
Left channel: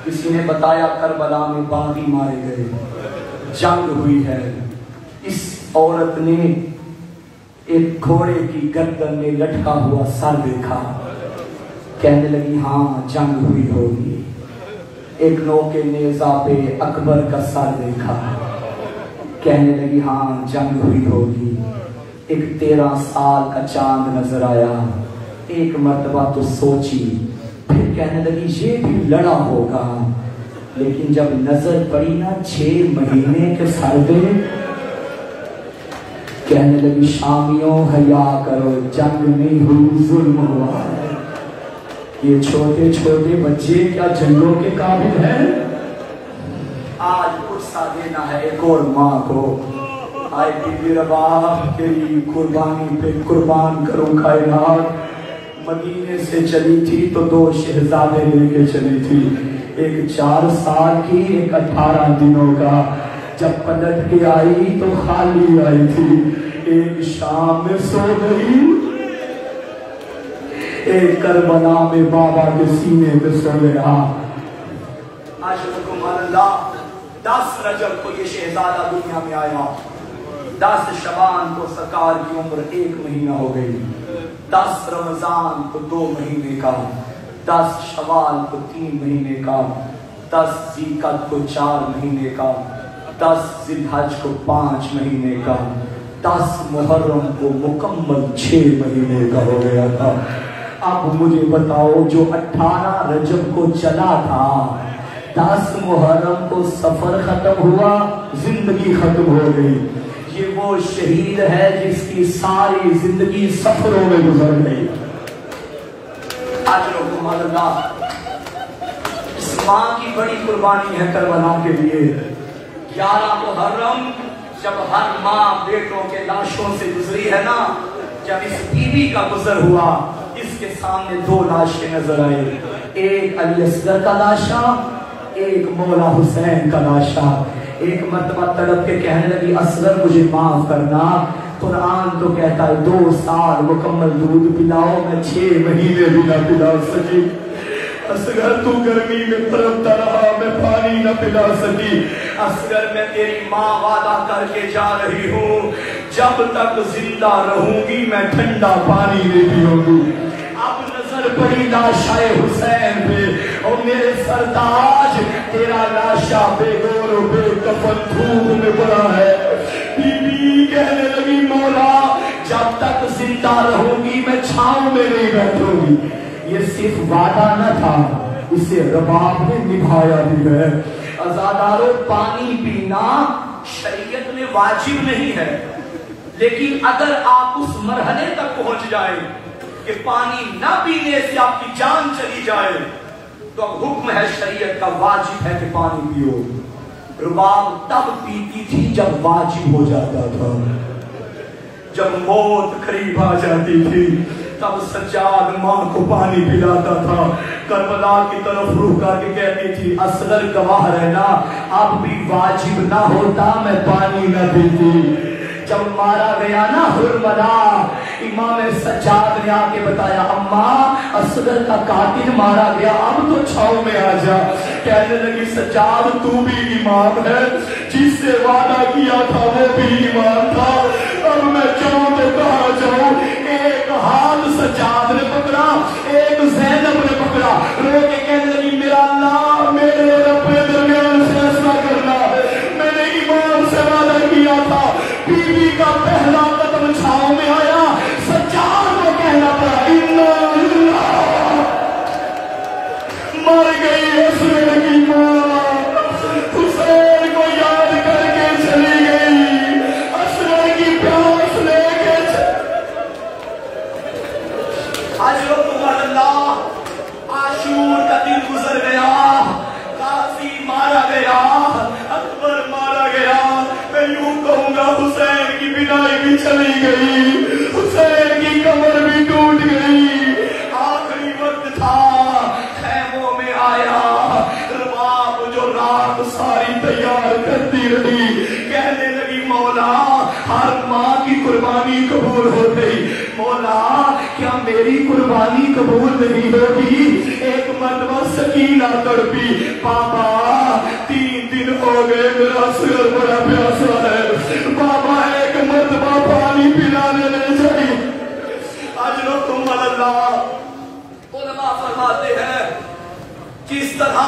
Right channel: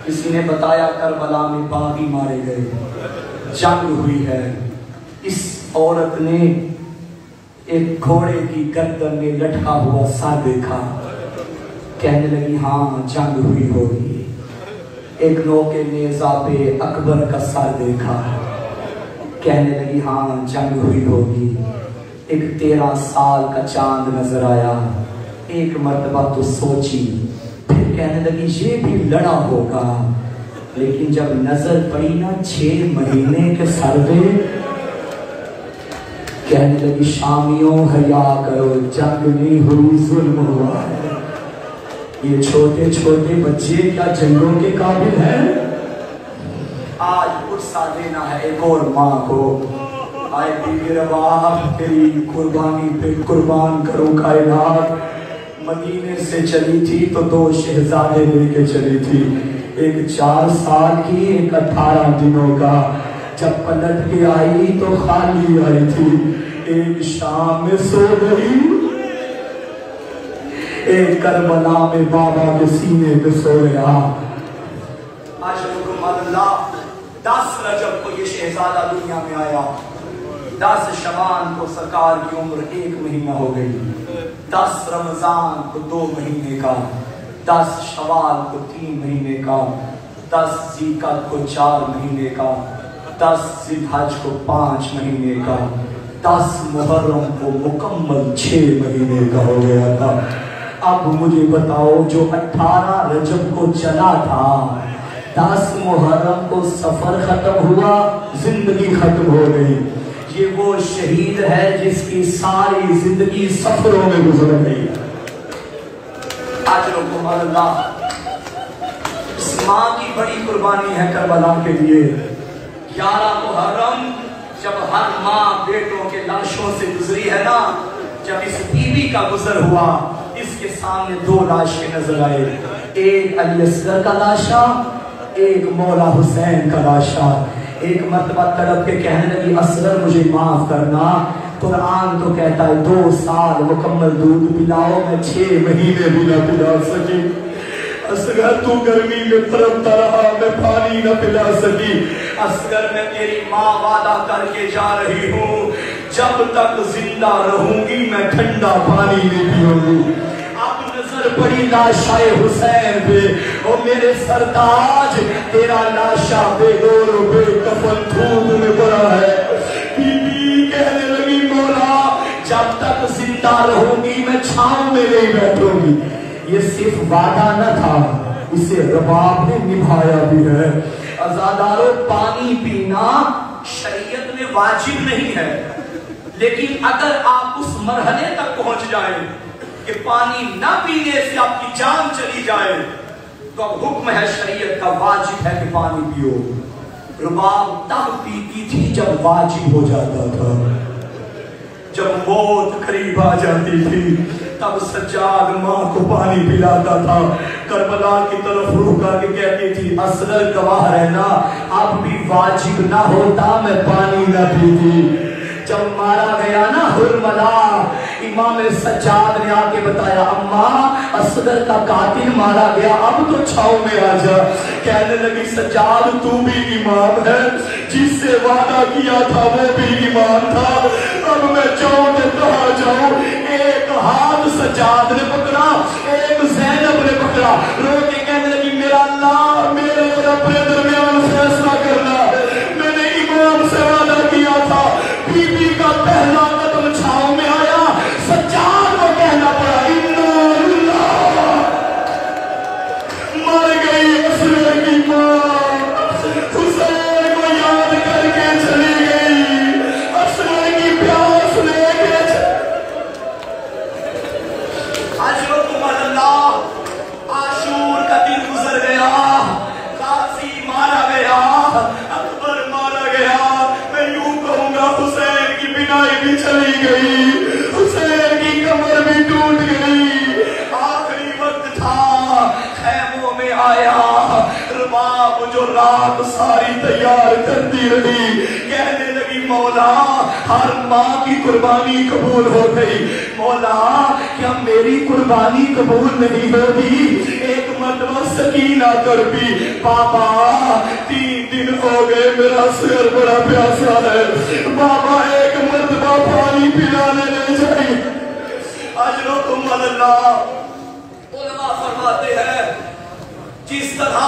کسی نے بتایا کربلا میں باغی مارے گئے, جنگ ہوئی ہے. اس عورت نے ایک گھوڑے کی گردن میں لٹکا ہوا سر دیکھا, کہنے لگی ہاں جنگ ہوئی ہوگی. ایک نو کے نیزہ پہ اکبر کا سر دیکھا, کہنے لگی ہاں جنگ ہوئی ہوگی. ایک 13 سال کا چاند نظر آیا, ایک مرتبہ تو سوچی, پھر کہنے لگی یہ بھی لڑا ہوگا. لیکن جب نظر پڑی نا 6 مہینے کے سروے, کہنے لگی شامیوں حیا کرو، جنگ نہیں ہوئی ظلم ہوا ہے۔ یہ چھوٹے چھوٹے بچے کیا جنگوں کے قابل ہیں؟ آج غصہ دینا ہے ایک اور ماں کو، آئے بی رباب تیری قربانی پہ قربان کرو کائنات۔ مدینے سے چلی تھی تو 2 شہزادے لے کے چلی تھی، ایک 4 سال کی، ایک 18 دنوں کا۔ جب پلٹ کے آئی تو خالی آئی تھی، ایک شام میں سو گئی، ایک کربلا میں بابا کے سینے پہ سویا۔ اللہ 10 رجب کو یہ شہزادہ دنیا میں آیا، 10 شعبان کو سرکار کی عمر 1 مہینہ ہو گئی، 10 رمضان کو 2 مہینے کا، 10 شوال کو 3 مہینے کا، 10 ذیقعد کو 4 مہینے کا، 10 ذی الحج کو 5 مہینے کا، 10 محرم کو مکمل 6 مہینے کا ہو گیا تھا۔ اب مجھے بتاؤ، جو 18 رجب کو چلا تھا، 10 محرم کو سفر ختم ہوا، زندگی ختم ہو گئی، یہ وہ شہید ہے جس کی ساری زندگی سفروں میں گزر گئی۔ اجرکم اللہ، اس ماں کی بڑی قربانی ہے کربلا کے لیے۔ 11 محرم جب ہر ماں بیٹوں کے لاشوں سے گزری ہے نا، جب اس بیوی کا گزر ہوا، اس کے سامنے 2 لاشیں نظر آئے، ایک علی اصغر کا لاشا، ایک مولا حسین کا لاشا۔ ایک مرتبہ تڑپ کے کہنے لگی اصغر مجھے معاف کرنا، قرآن تو کہتا ہے 2 سال مکمل دودھ پلاؤ، میں 6 مہینے بھی نہ پلا سکی۔ اصغر تو گرمی میں تڑپتا رہا، میں پانی نہ پلا سکی۔ اصغر میں تیری ماں وعدہ کر کے جا رہی ہوں، جب تک زندہ رہوں گی میں ٹھنڈا پانی نہیں پیوں گی۔ اب نظر پڑی لاشا حسین پہ، اور میرے سرتاج تیرا لاشا بے گور بے کفن دھوپ میں پڑا ہے۔ بی بی کہنے لگی مولا جب تک زندہ رہوں گی میں چھاؤں میں نہیں بیٹھوں گی۔ یہ صرف وعدہ نہ تھا، اسے رباب نے نبھایا بھی ہے۔ عزادارو، پانی پینا شریعت میں واجب نہیں ہے، لیکن اگر آپ اس مرحلے تک پہنچ جائیں کہ پانی نہ پینے سے آپ کی جان چلی جائے تو اب حکم ہے شریعت کا، واجب ہے کہ پانی پیو۔ رباب تب پیتی تھی جب واجب ہو جاتا تھا، جب موت قریب آ جاتی تھی تب سجاد ماں کو پانی پلاتا تھا، کربلا کی طرف روح کر کے کہتی تھی اصغر گواہ رہنا، اب بھی واجب نہ ہوتا میں پانی نہ پیتی۔ جب مارا گیا نا حرملا، امام سجاد نے آ کے بتایا اماں اصغر کا قاتل مارا گیا، اب تو چھاؤں میں آ جا۔ کہنے لگی سجاد تو بھی امام ہے، جس سے وعدہ کیا تھا وہ بھی امام تھا، اب میں چاہوں تو کہاں جاؤں۔ ایک ہاتھ سجاد نے پکڑا، ایک زینب نے پکڑا، رو کے کہنے لگی میرا اللہ میرے رب نے درمیان فیصلہ کرنا ہے، میں نے امام سے وعدہ کیا تھا۔ بی بی کا پہلا قدم چھاؤں میں آیا، سجاد کو کہنا پڑا اللہ مر گئی اصغر کی ماں، حسین کو یاد کر کے چلی گئی، اصغر کی پیاس لے کے عاشور کا دن گزر گیا، غازی مارا گیا، اکبر مارا گیا، میں یوں کہوں گا حسین کی بینائی بھی چلی گئی، حسین کی کمر بھی ٹوٹ گئی۔ آخری وقت تھا، خیموں میں آیا، رباب جو رات ساری تیار کرتی رہی، کہنے لگی مولا ہر ماں کی قربانی قبول ہو گئی، مولا کیا میری قربانی قبول نہیں ہوگی؟ ایک مرتبہ سکینہ تڑپی، پاپا 3 دن ہو گئے میرا اصغر بڑا پیاسا ہے، بابا ایک مرتبہ پانی پلانے لے جائیں۔ اجرکم اللہ، علماء فرماتے ہیں جس طرح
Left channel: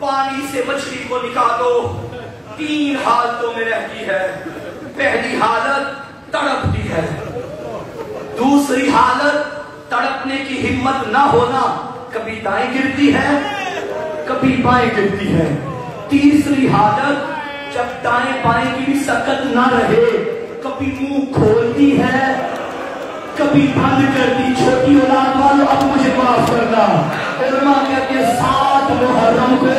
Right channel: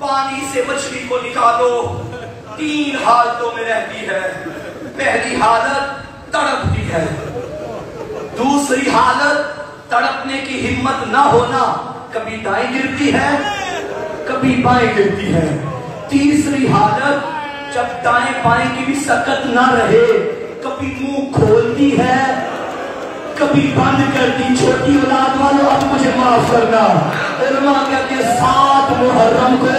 پانی سے مچھلی کو نکالو 3 حالتوں میں رہتی ہے، پہلی حالت تڑپتی ہے، دوسری حالت تڑپنے کی ہمت نہ ہونا، کبھی دائیں گرتی ہے کبھی بائیں گرتی ہے، تیسری حالت جب دائیں بائیں کی بھی سکت نہ رہے کبھی منہ کھولتی ہے کبھی بند کرتی. چھوٹی اولاد والوں اب مجھے معاف کرنا. علماء کہتے ہیں 7 محرم کو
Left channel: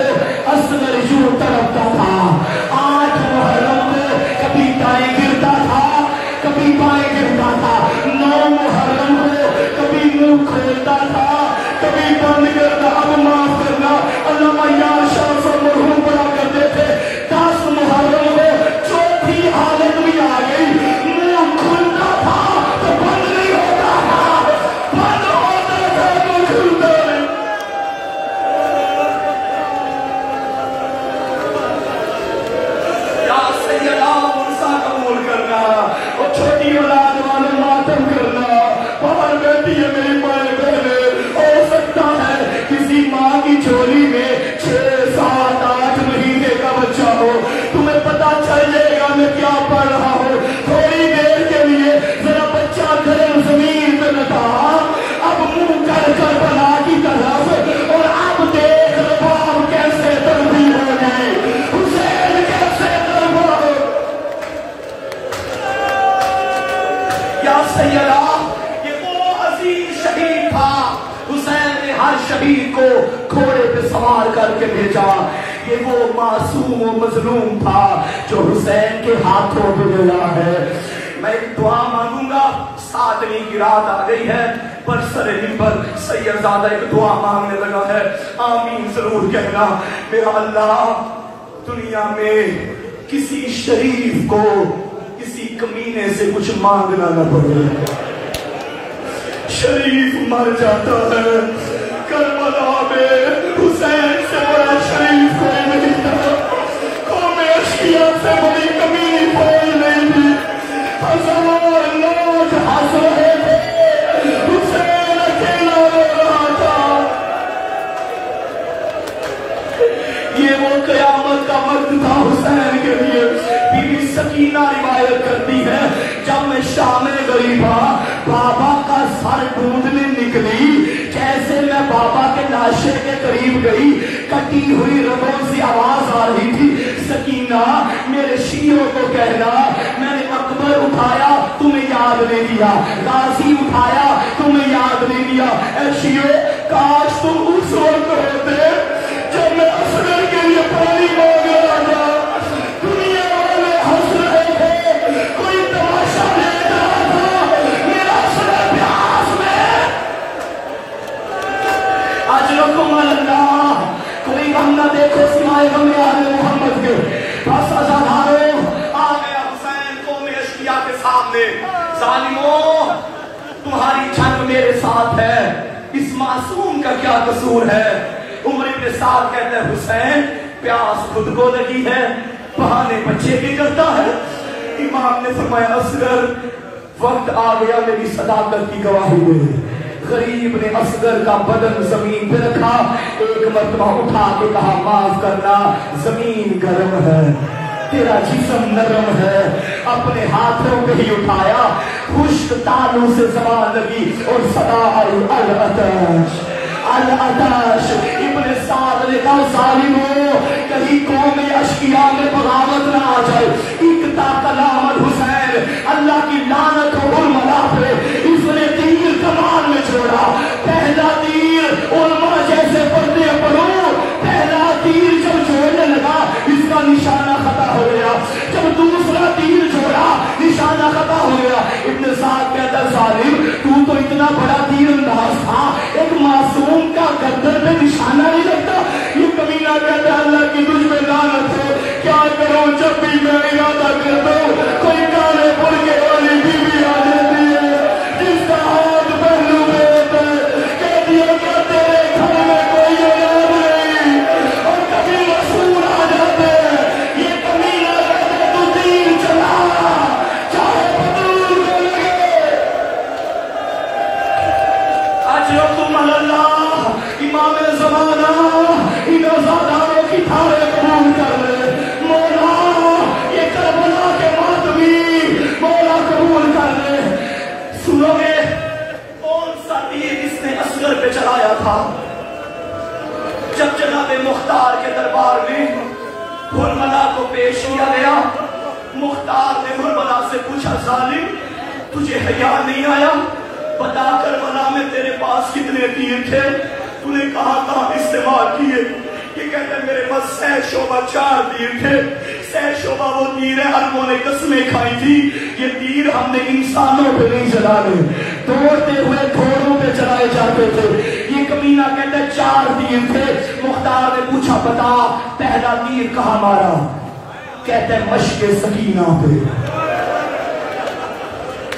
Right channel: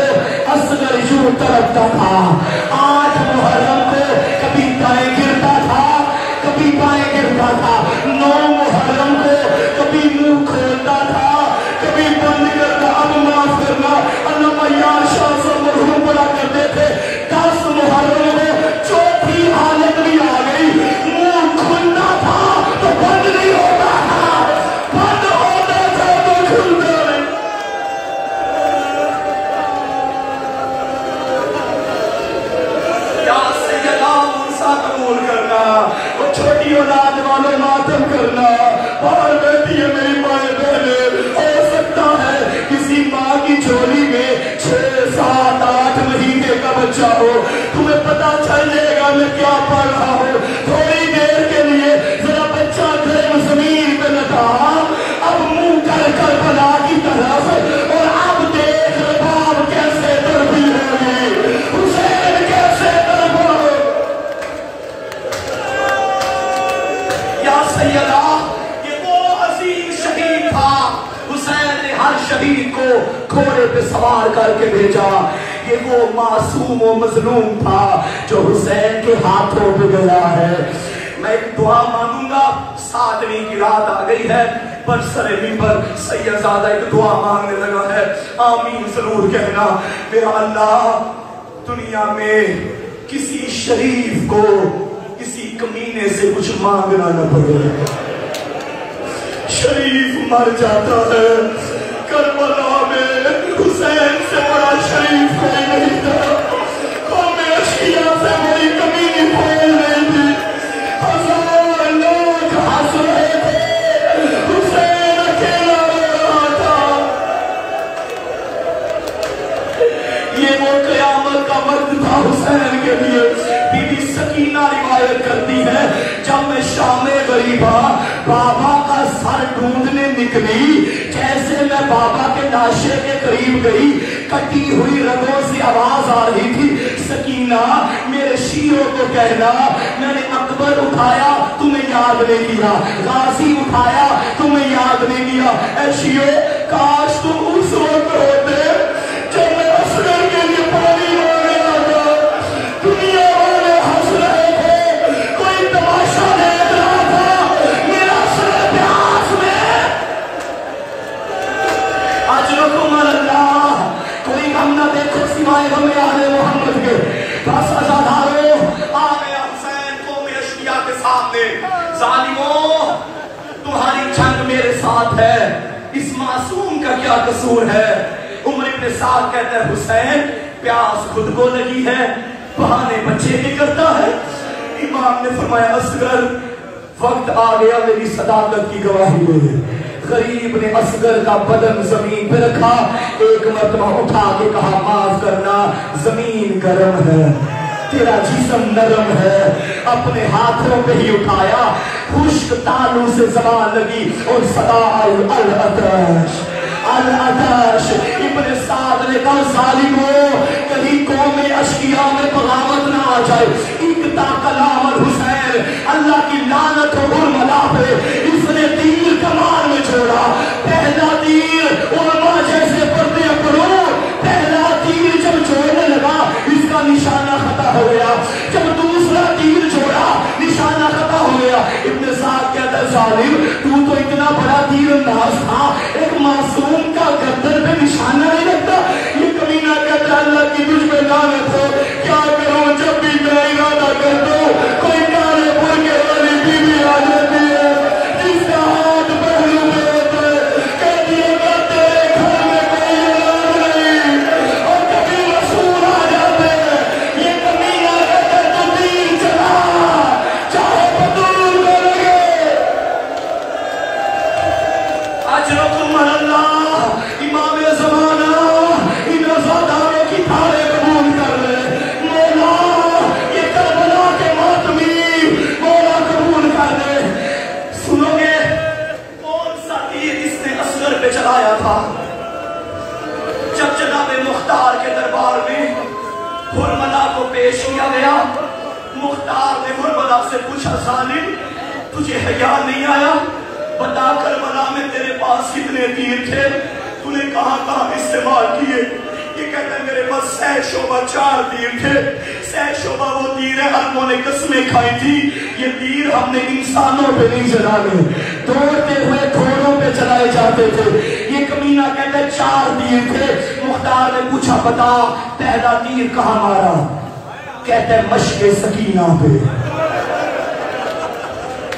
اصغر یوں تڑپتا تھا. 8 محرم کو کبھی دائیں گرتا تھا کبھی بائیں گرتا تھا. 9 محرم کو کبھی منہ کھولتا تھا کبھی بند کرتا. اب معاف کرنا. علامہ یار شاہ صاحب مرحوم بڑا کرتے تھے 10 محرم کو چوتھی حالت بھی آ گئی. منہ کھلتا تھا تو بند نہیں ہوتا تھا بند ہوتا تھا تو کھلتا. یا سیدہ موسیٰ قبول کرنا. وہ چھوٹی اولاد والوں ماتم کرنا. باہر بیٹھی ہے میری ماں بہن. ہو سکتا ہے کسی ماں کی جھولی میں 6 7 8 مہینے کا بچہ ہو. تمہیں پتا چل جائے گا میں کیا پڑھ رہا ہوں. تھوڑی دیر کے لیے ذرا بچہ گرم زمین پہ نہ تھا. اب منہ کر کر بنا کی طرف اور اب دیکھ رباب کیسے تربی ہوگی. حسین کیسے تربا ہو. یا سیدہ یہ وہ عظیم شہید تھا. حسین نے ہر شہید کو گھوڑے پہ سوار کر کے بھیجا. یہ وہ معصوم و مظلوم تھا جو حسین کے ہاتھوں پہ گیا ہے. میں ایک دعا مانگوں گا. 7ویں کی رات آ گئی ہے. برسر منبر سیدزادہ ایک دعا مانگنے لگا ہے. آمین ضرور کہنا. میرا اللہ دنیا میں کسی شریف کو کسی کمینے سے کچھ مانگنا نہ پڑے. شریف مر جاتا ہے. کربلا میں حسین سے بڑا شریف کوئی نہیں تھا. قوم اشقیاء سے بڑی کمینی کوئی نہیں تھی. 1000 لوگ ہنس رہے تھے. حسین اکیلا رو رہا تھا. یہ وہ قیامت کا وقت تھا حسین کے لیے. بی بی سکینہ روایت کرتی ہے جب میں شام غریبہ بابا کا سر ڈھونڈنے نکلی. جیسے میں بابا کے لاشے کے قریب گئی کٹی ہوئی رگوں سے آواز آ رہی تھی. سکینہ میرے شیروں کو کہنا میں نے اکبر اٹھایا تمہیں یاد نہیں کیا. غازی اٹھایا تمہیں یاد نہیں کیا. اے شیروں کاش تم اس وقت ہوتے جب میں اصغر کے لیے پانی مانگا گیا. دنیا والے ہنس رہے تھے. کوئی تماشا دیکھ رہا تھا. میرا اصغر پیاس میں اجرکم اللہ. کوئی غم نہ دیکھو سوائے غم آل محمد کے. بس ازادارو آ گیا حسین قوم اشقیاء کے سامنے. ظالموں تمہاری جنگ میرے ساتھ ہے. اس معصوم کا کیا قصور ہے. عمر ابن سعد کہتے ہیں حسین پیاس خود کو لگی ہے بہانے بچے بھی کرتا ہے. امام نے فرمایا اصغر وقت آ گیا میری صداقت کی گواہی دے. غریب نے اصغر کا بدن زمین پہ رکھا. ایک مرتبہ اٹھا کے کہا معاف کرنا زمین گرم ہے تیرا جسم نرم ہے. اپنے ہاتھوں پہ ہی اٹھایا. خشک تالو سے زبان لگی اور صدا آئی العطش العطش. ابن سعد نے کہا ظالموں کہیں قوم اشقیاء میں بغاوت نہ آ جائے. اقتا کلام حسین اللہ کی لعنت ہو حرملا پہ. اس نے تیر کمان میں چھوڑا. پہلا تیر علماء جیسے پڑھتے پڑھو. پہلا تیر جب چھوڑنے لگا اس کا نشانہ خطا ہو گیا. جب دوسرا تیر چھوڑا نشانہ خطا ہو گیا. ابن سعد کہتا ظالم تو اتنا بڑا تیر انداز تھا. ایک معصوم کا گردن پہ نشانہ یاد نہیں آیا؟ بتا کربلا میں تیرے پاس کتنے تیر تھے؟ تو نے کہاں استعمال کیے؟ یہ کہتا ہے میرے پاس 100 شعبہ 4 تیر تھے. 100 شعبہ وہ تیر ہے ہم نے قسمیں کھائی تھی. یہ تیر ہم نے انسانوں پہ نہیں چلانے، دوڑتے ہوئے گھوڑوں پہ چلائے جاتے تھے. یہ کمینہ کہتا ہے 4 تیر تھے. مختار نے پوچھا بتا پہلا تیر کہاں مارا؟ کہتا ہے مشق سکینہ پہ.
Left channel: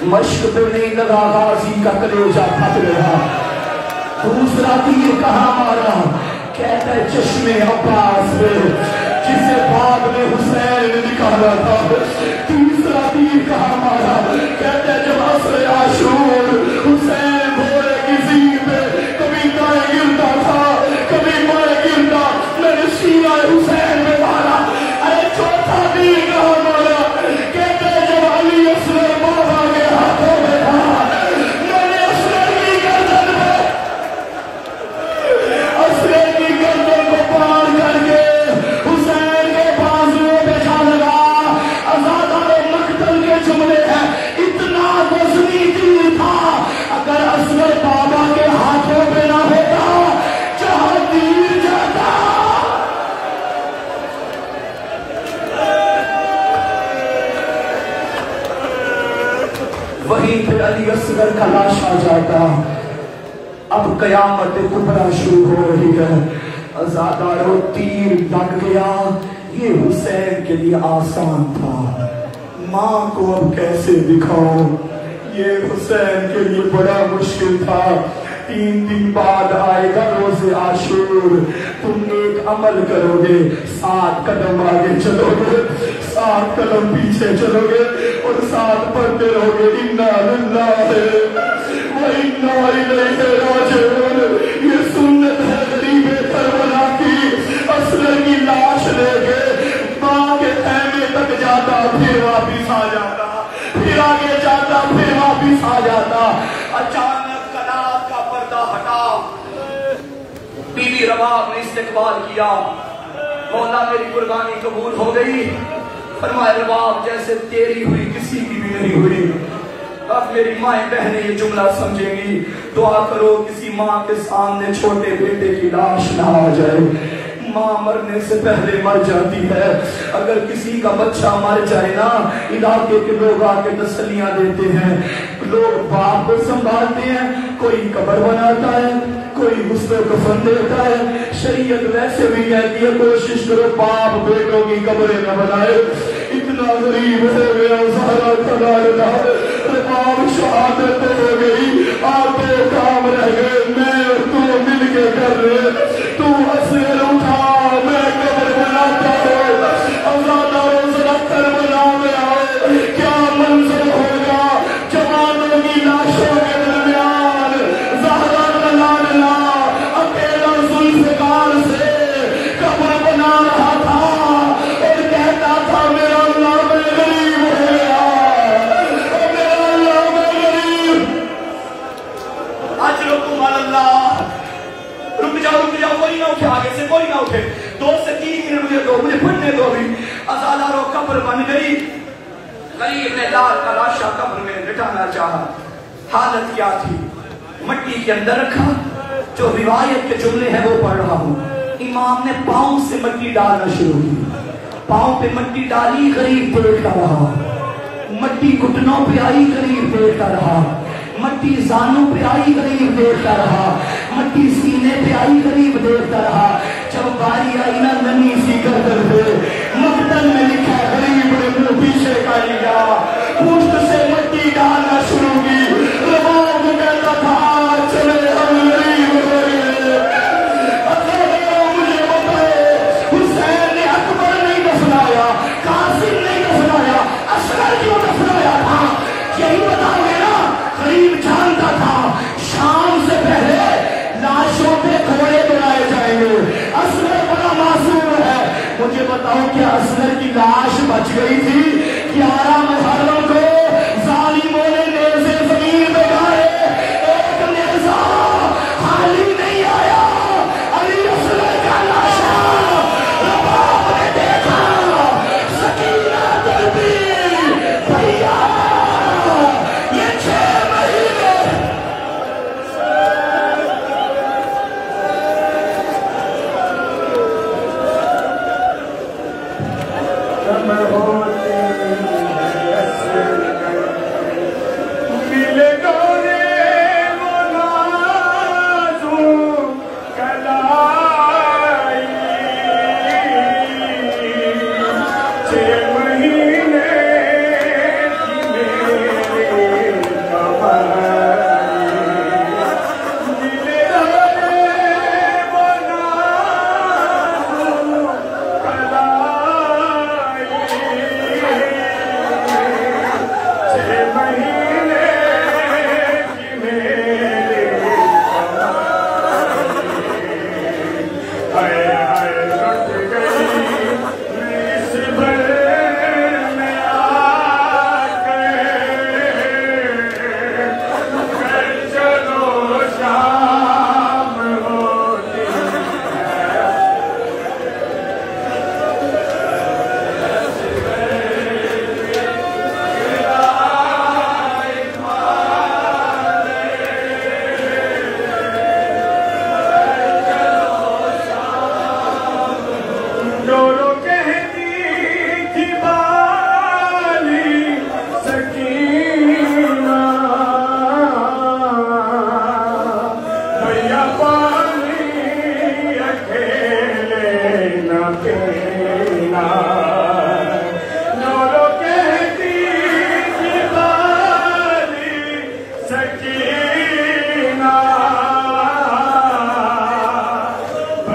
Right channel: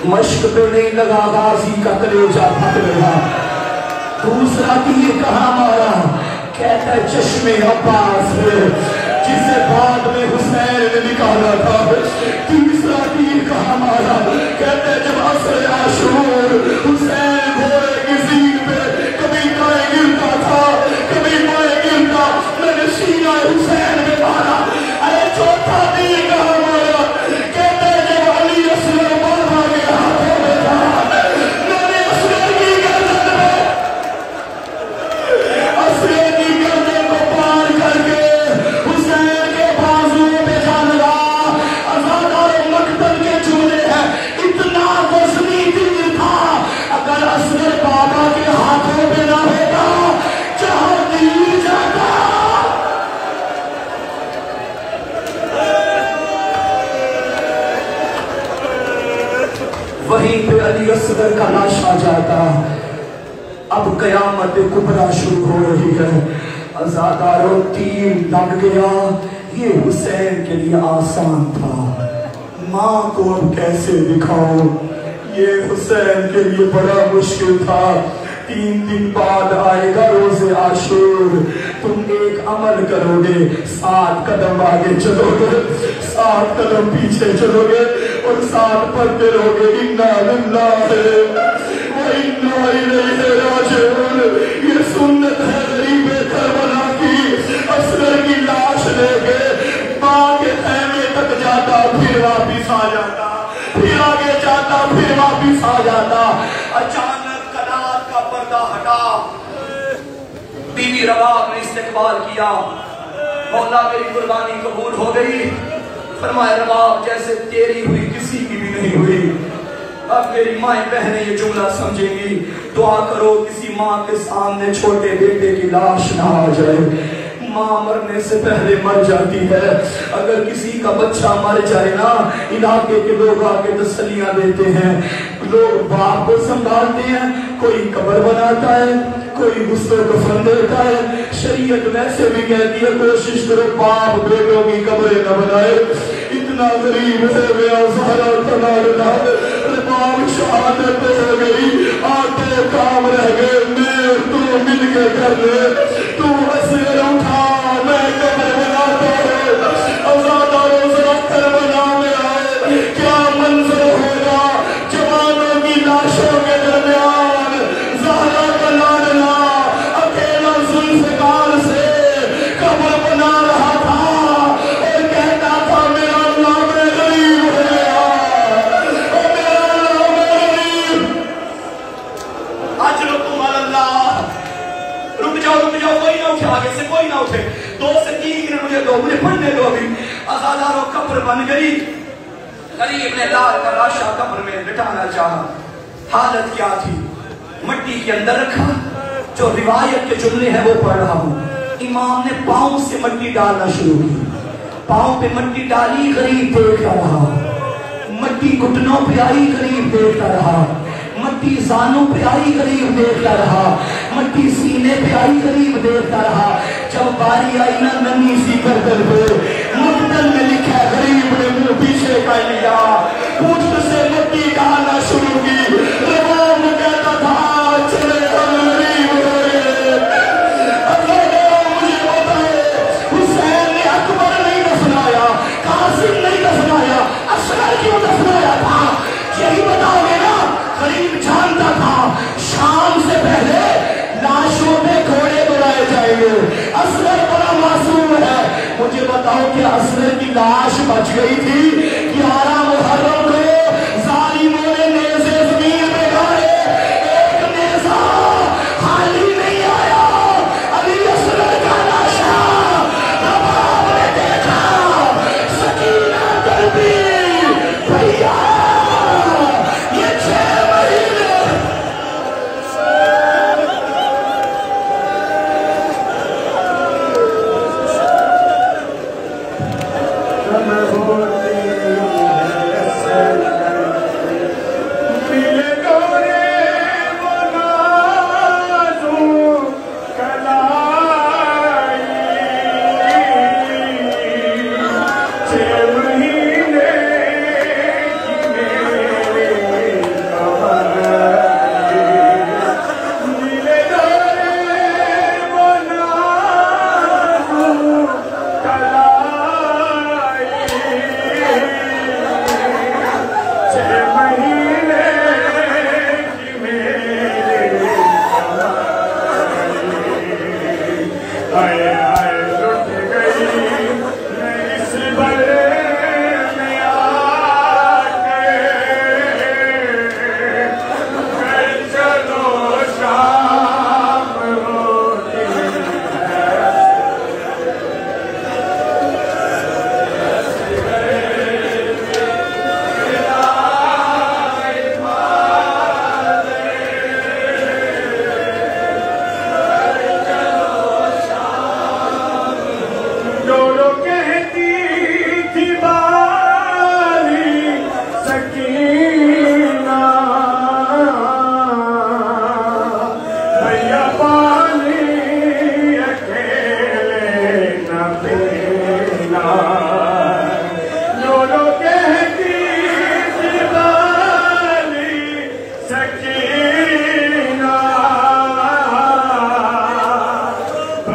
مشق پہ نہیں لگا، غازی کا کلیجہ پھٹ گیا. دوسرا تیر کہاں مارا؟ کہتا ہے چشمے عباس پہ، جسے بعد میں حسین نے نکالا تھا. تیسرا تیر کہاں مارا؟ کہتا ہے جب عصر عاشور حسین گھوڑے کی زین پہ کبھی دائیں گرتا تھا کبھی بائیں گرتا، میں نے سینہ حسین میں مارا. ارے چوتھا تیر کہاں مارا؟ کہتا ہے جب علی اصغر بابا کے ہاتھوں میں تھا، میں نے اصغر کی گردن میں پار کر کے حسین کے بازوؤں پہ جا لگا. ازادار مقتل کے جملے ہیں، اتنا وزنی تیر تھا اگر اصغر بابا کے ہاتھوں پہ نہ ہوتا جہاں تیر جاتا. وہیں پہ علی اصغر کا لاش آ جاتا. اب قیامت کبریٰ شروع ہو رہی ہے. ازادارو تیر لگ گیا. یہ حسین کے لیے آسان تھا، ماں کو اب کیسے دکھاؤ؟ یہ حسین کے لیے بڑا مشکل تھا. 3 دن بعد آئے گا روز عاشور. تم ایک عمل کرو گے، 7 قدم آگے چلو گے، 7 قدم پیچھے چلو گے اور 7 پڑھتے رہو گے انا للہ و انا الیہ راجعون. یہ سنت ہے غریب کربلا کی. اصغر کی لاش لے کے ماں کے خیمے تک جاتا، پھر واپس آ جاتا، پھر آگے جاتا، پھر واپس آ جاتا. اچانک قرات کا پردہ ہٹا. بیوی رباب نے استقبال کیا. مولا میری قربانی قبول ہو گئی. فرمایا رباب جیسے تیری ہوئی کسی کی بھی نہیں ہوئی. اب میری مائیں بہنیں یہ جملہ سمجھیں گی، دعا کرو کسی ماں کے سامنے چھوٹے بیٹے کی لاش نہ آ جائے. ماں مرنے سے پہلے مر جاتی ہے. اگر کسی کا بچہ مر جائے نا، علاقے کے لوگ آ کے تسلیاں دیتے ہیں. لوگ باپ کو سنبھالتے ہیں، کوئی قبر بناتا ہے، کوئی غسل کفن دیتا ہے. شریعت ویسے بھی کہتی ہے کوشش کرو باپ بیٹوں کی قبریں نہ بنائے. اتنا غریب ہو گیا زہرا تلال شہادت ہو گئی. 8 کام رہ گئے، میں تو مل کے کر رہے. تو اصغر اٹھا، میں قبر بناتا ہوں. ازاداروں سے کربلا میں آئے. کیا منظر ہوگا جوانوں کی لاشوں کے درمیان زہرا تلال اکیلا ذوالفقار سے قبر بنا رہا تھا اور کہتا تھا میرا اللہ میں غریب ہو گیا. مجھے پڑھنے دو بھی. ازاداروں قبر بن گئی. غریب نے لال کا لاشا قبر میں لٹانا چاہا. حالت کیا تھی؟ مٹی کے اندر رکھا. جو روایت کے جملے ہیں وہ پڑھ رہا ہوں. امام نے پاؤں سے مٹی ڈالنا شروع کی. پاؤں پہ مٹی ڈالی، غریب دیکھتا رہا. مٹی گھٹنوں پہ آئی، غریب دیکھتا رہا. مٹی زانوں پہ آئی، غریب دیکھتا رہا. مٹی سینے پہ آئی، غریب دیکھتا رہا. جب باری آئی نا نمی سی گردن پہ، مقتل میں لکھا غریب نے منہ پیچھے کر لیا. پوچھ سے مٹی ڈالنا شروع کی. رباب کو کہتا تھا چلے غریب ہو گئے. مجھے بتاؤ حسین نے اکبر نہیں دفنایا، قاسم نہیں دفنایا، اصغر کیوں دفنایا تھا؟ یہی بتاؤ گے نا. غریب جانتا تھا شام سے پہلے لاشوں پہ گھوڑے بنائے جائیں گے. اصغر بڑا معصوم ہے. مجھے بتاؤ کیا اصغر کی لاش بچ گئی تھی؟ 11 محرم کو ظالموں نے نیزے زمین پہ گاڑے. ایک نیزہ خالی نہیں آیا. علی اصغر کا لاش رباب نے دیکھا. سکینہ دربی بھیا یہ 6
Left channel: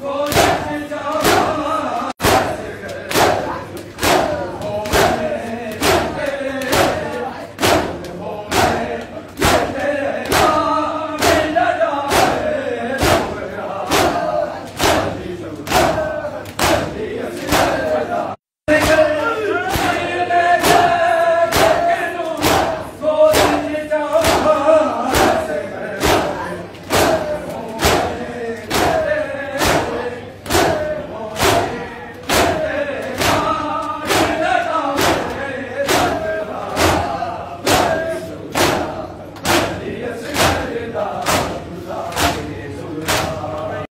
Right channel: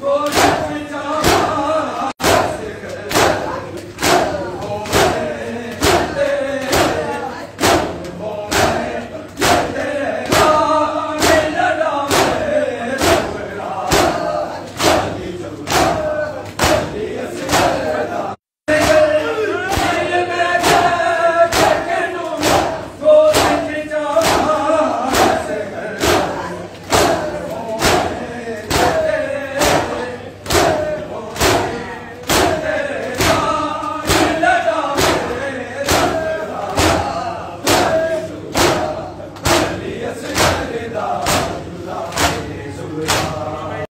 Oh,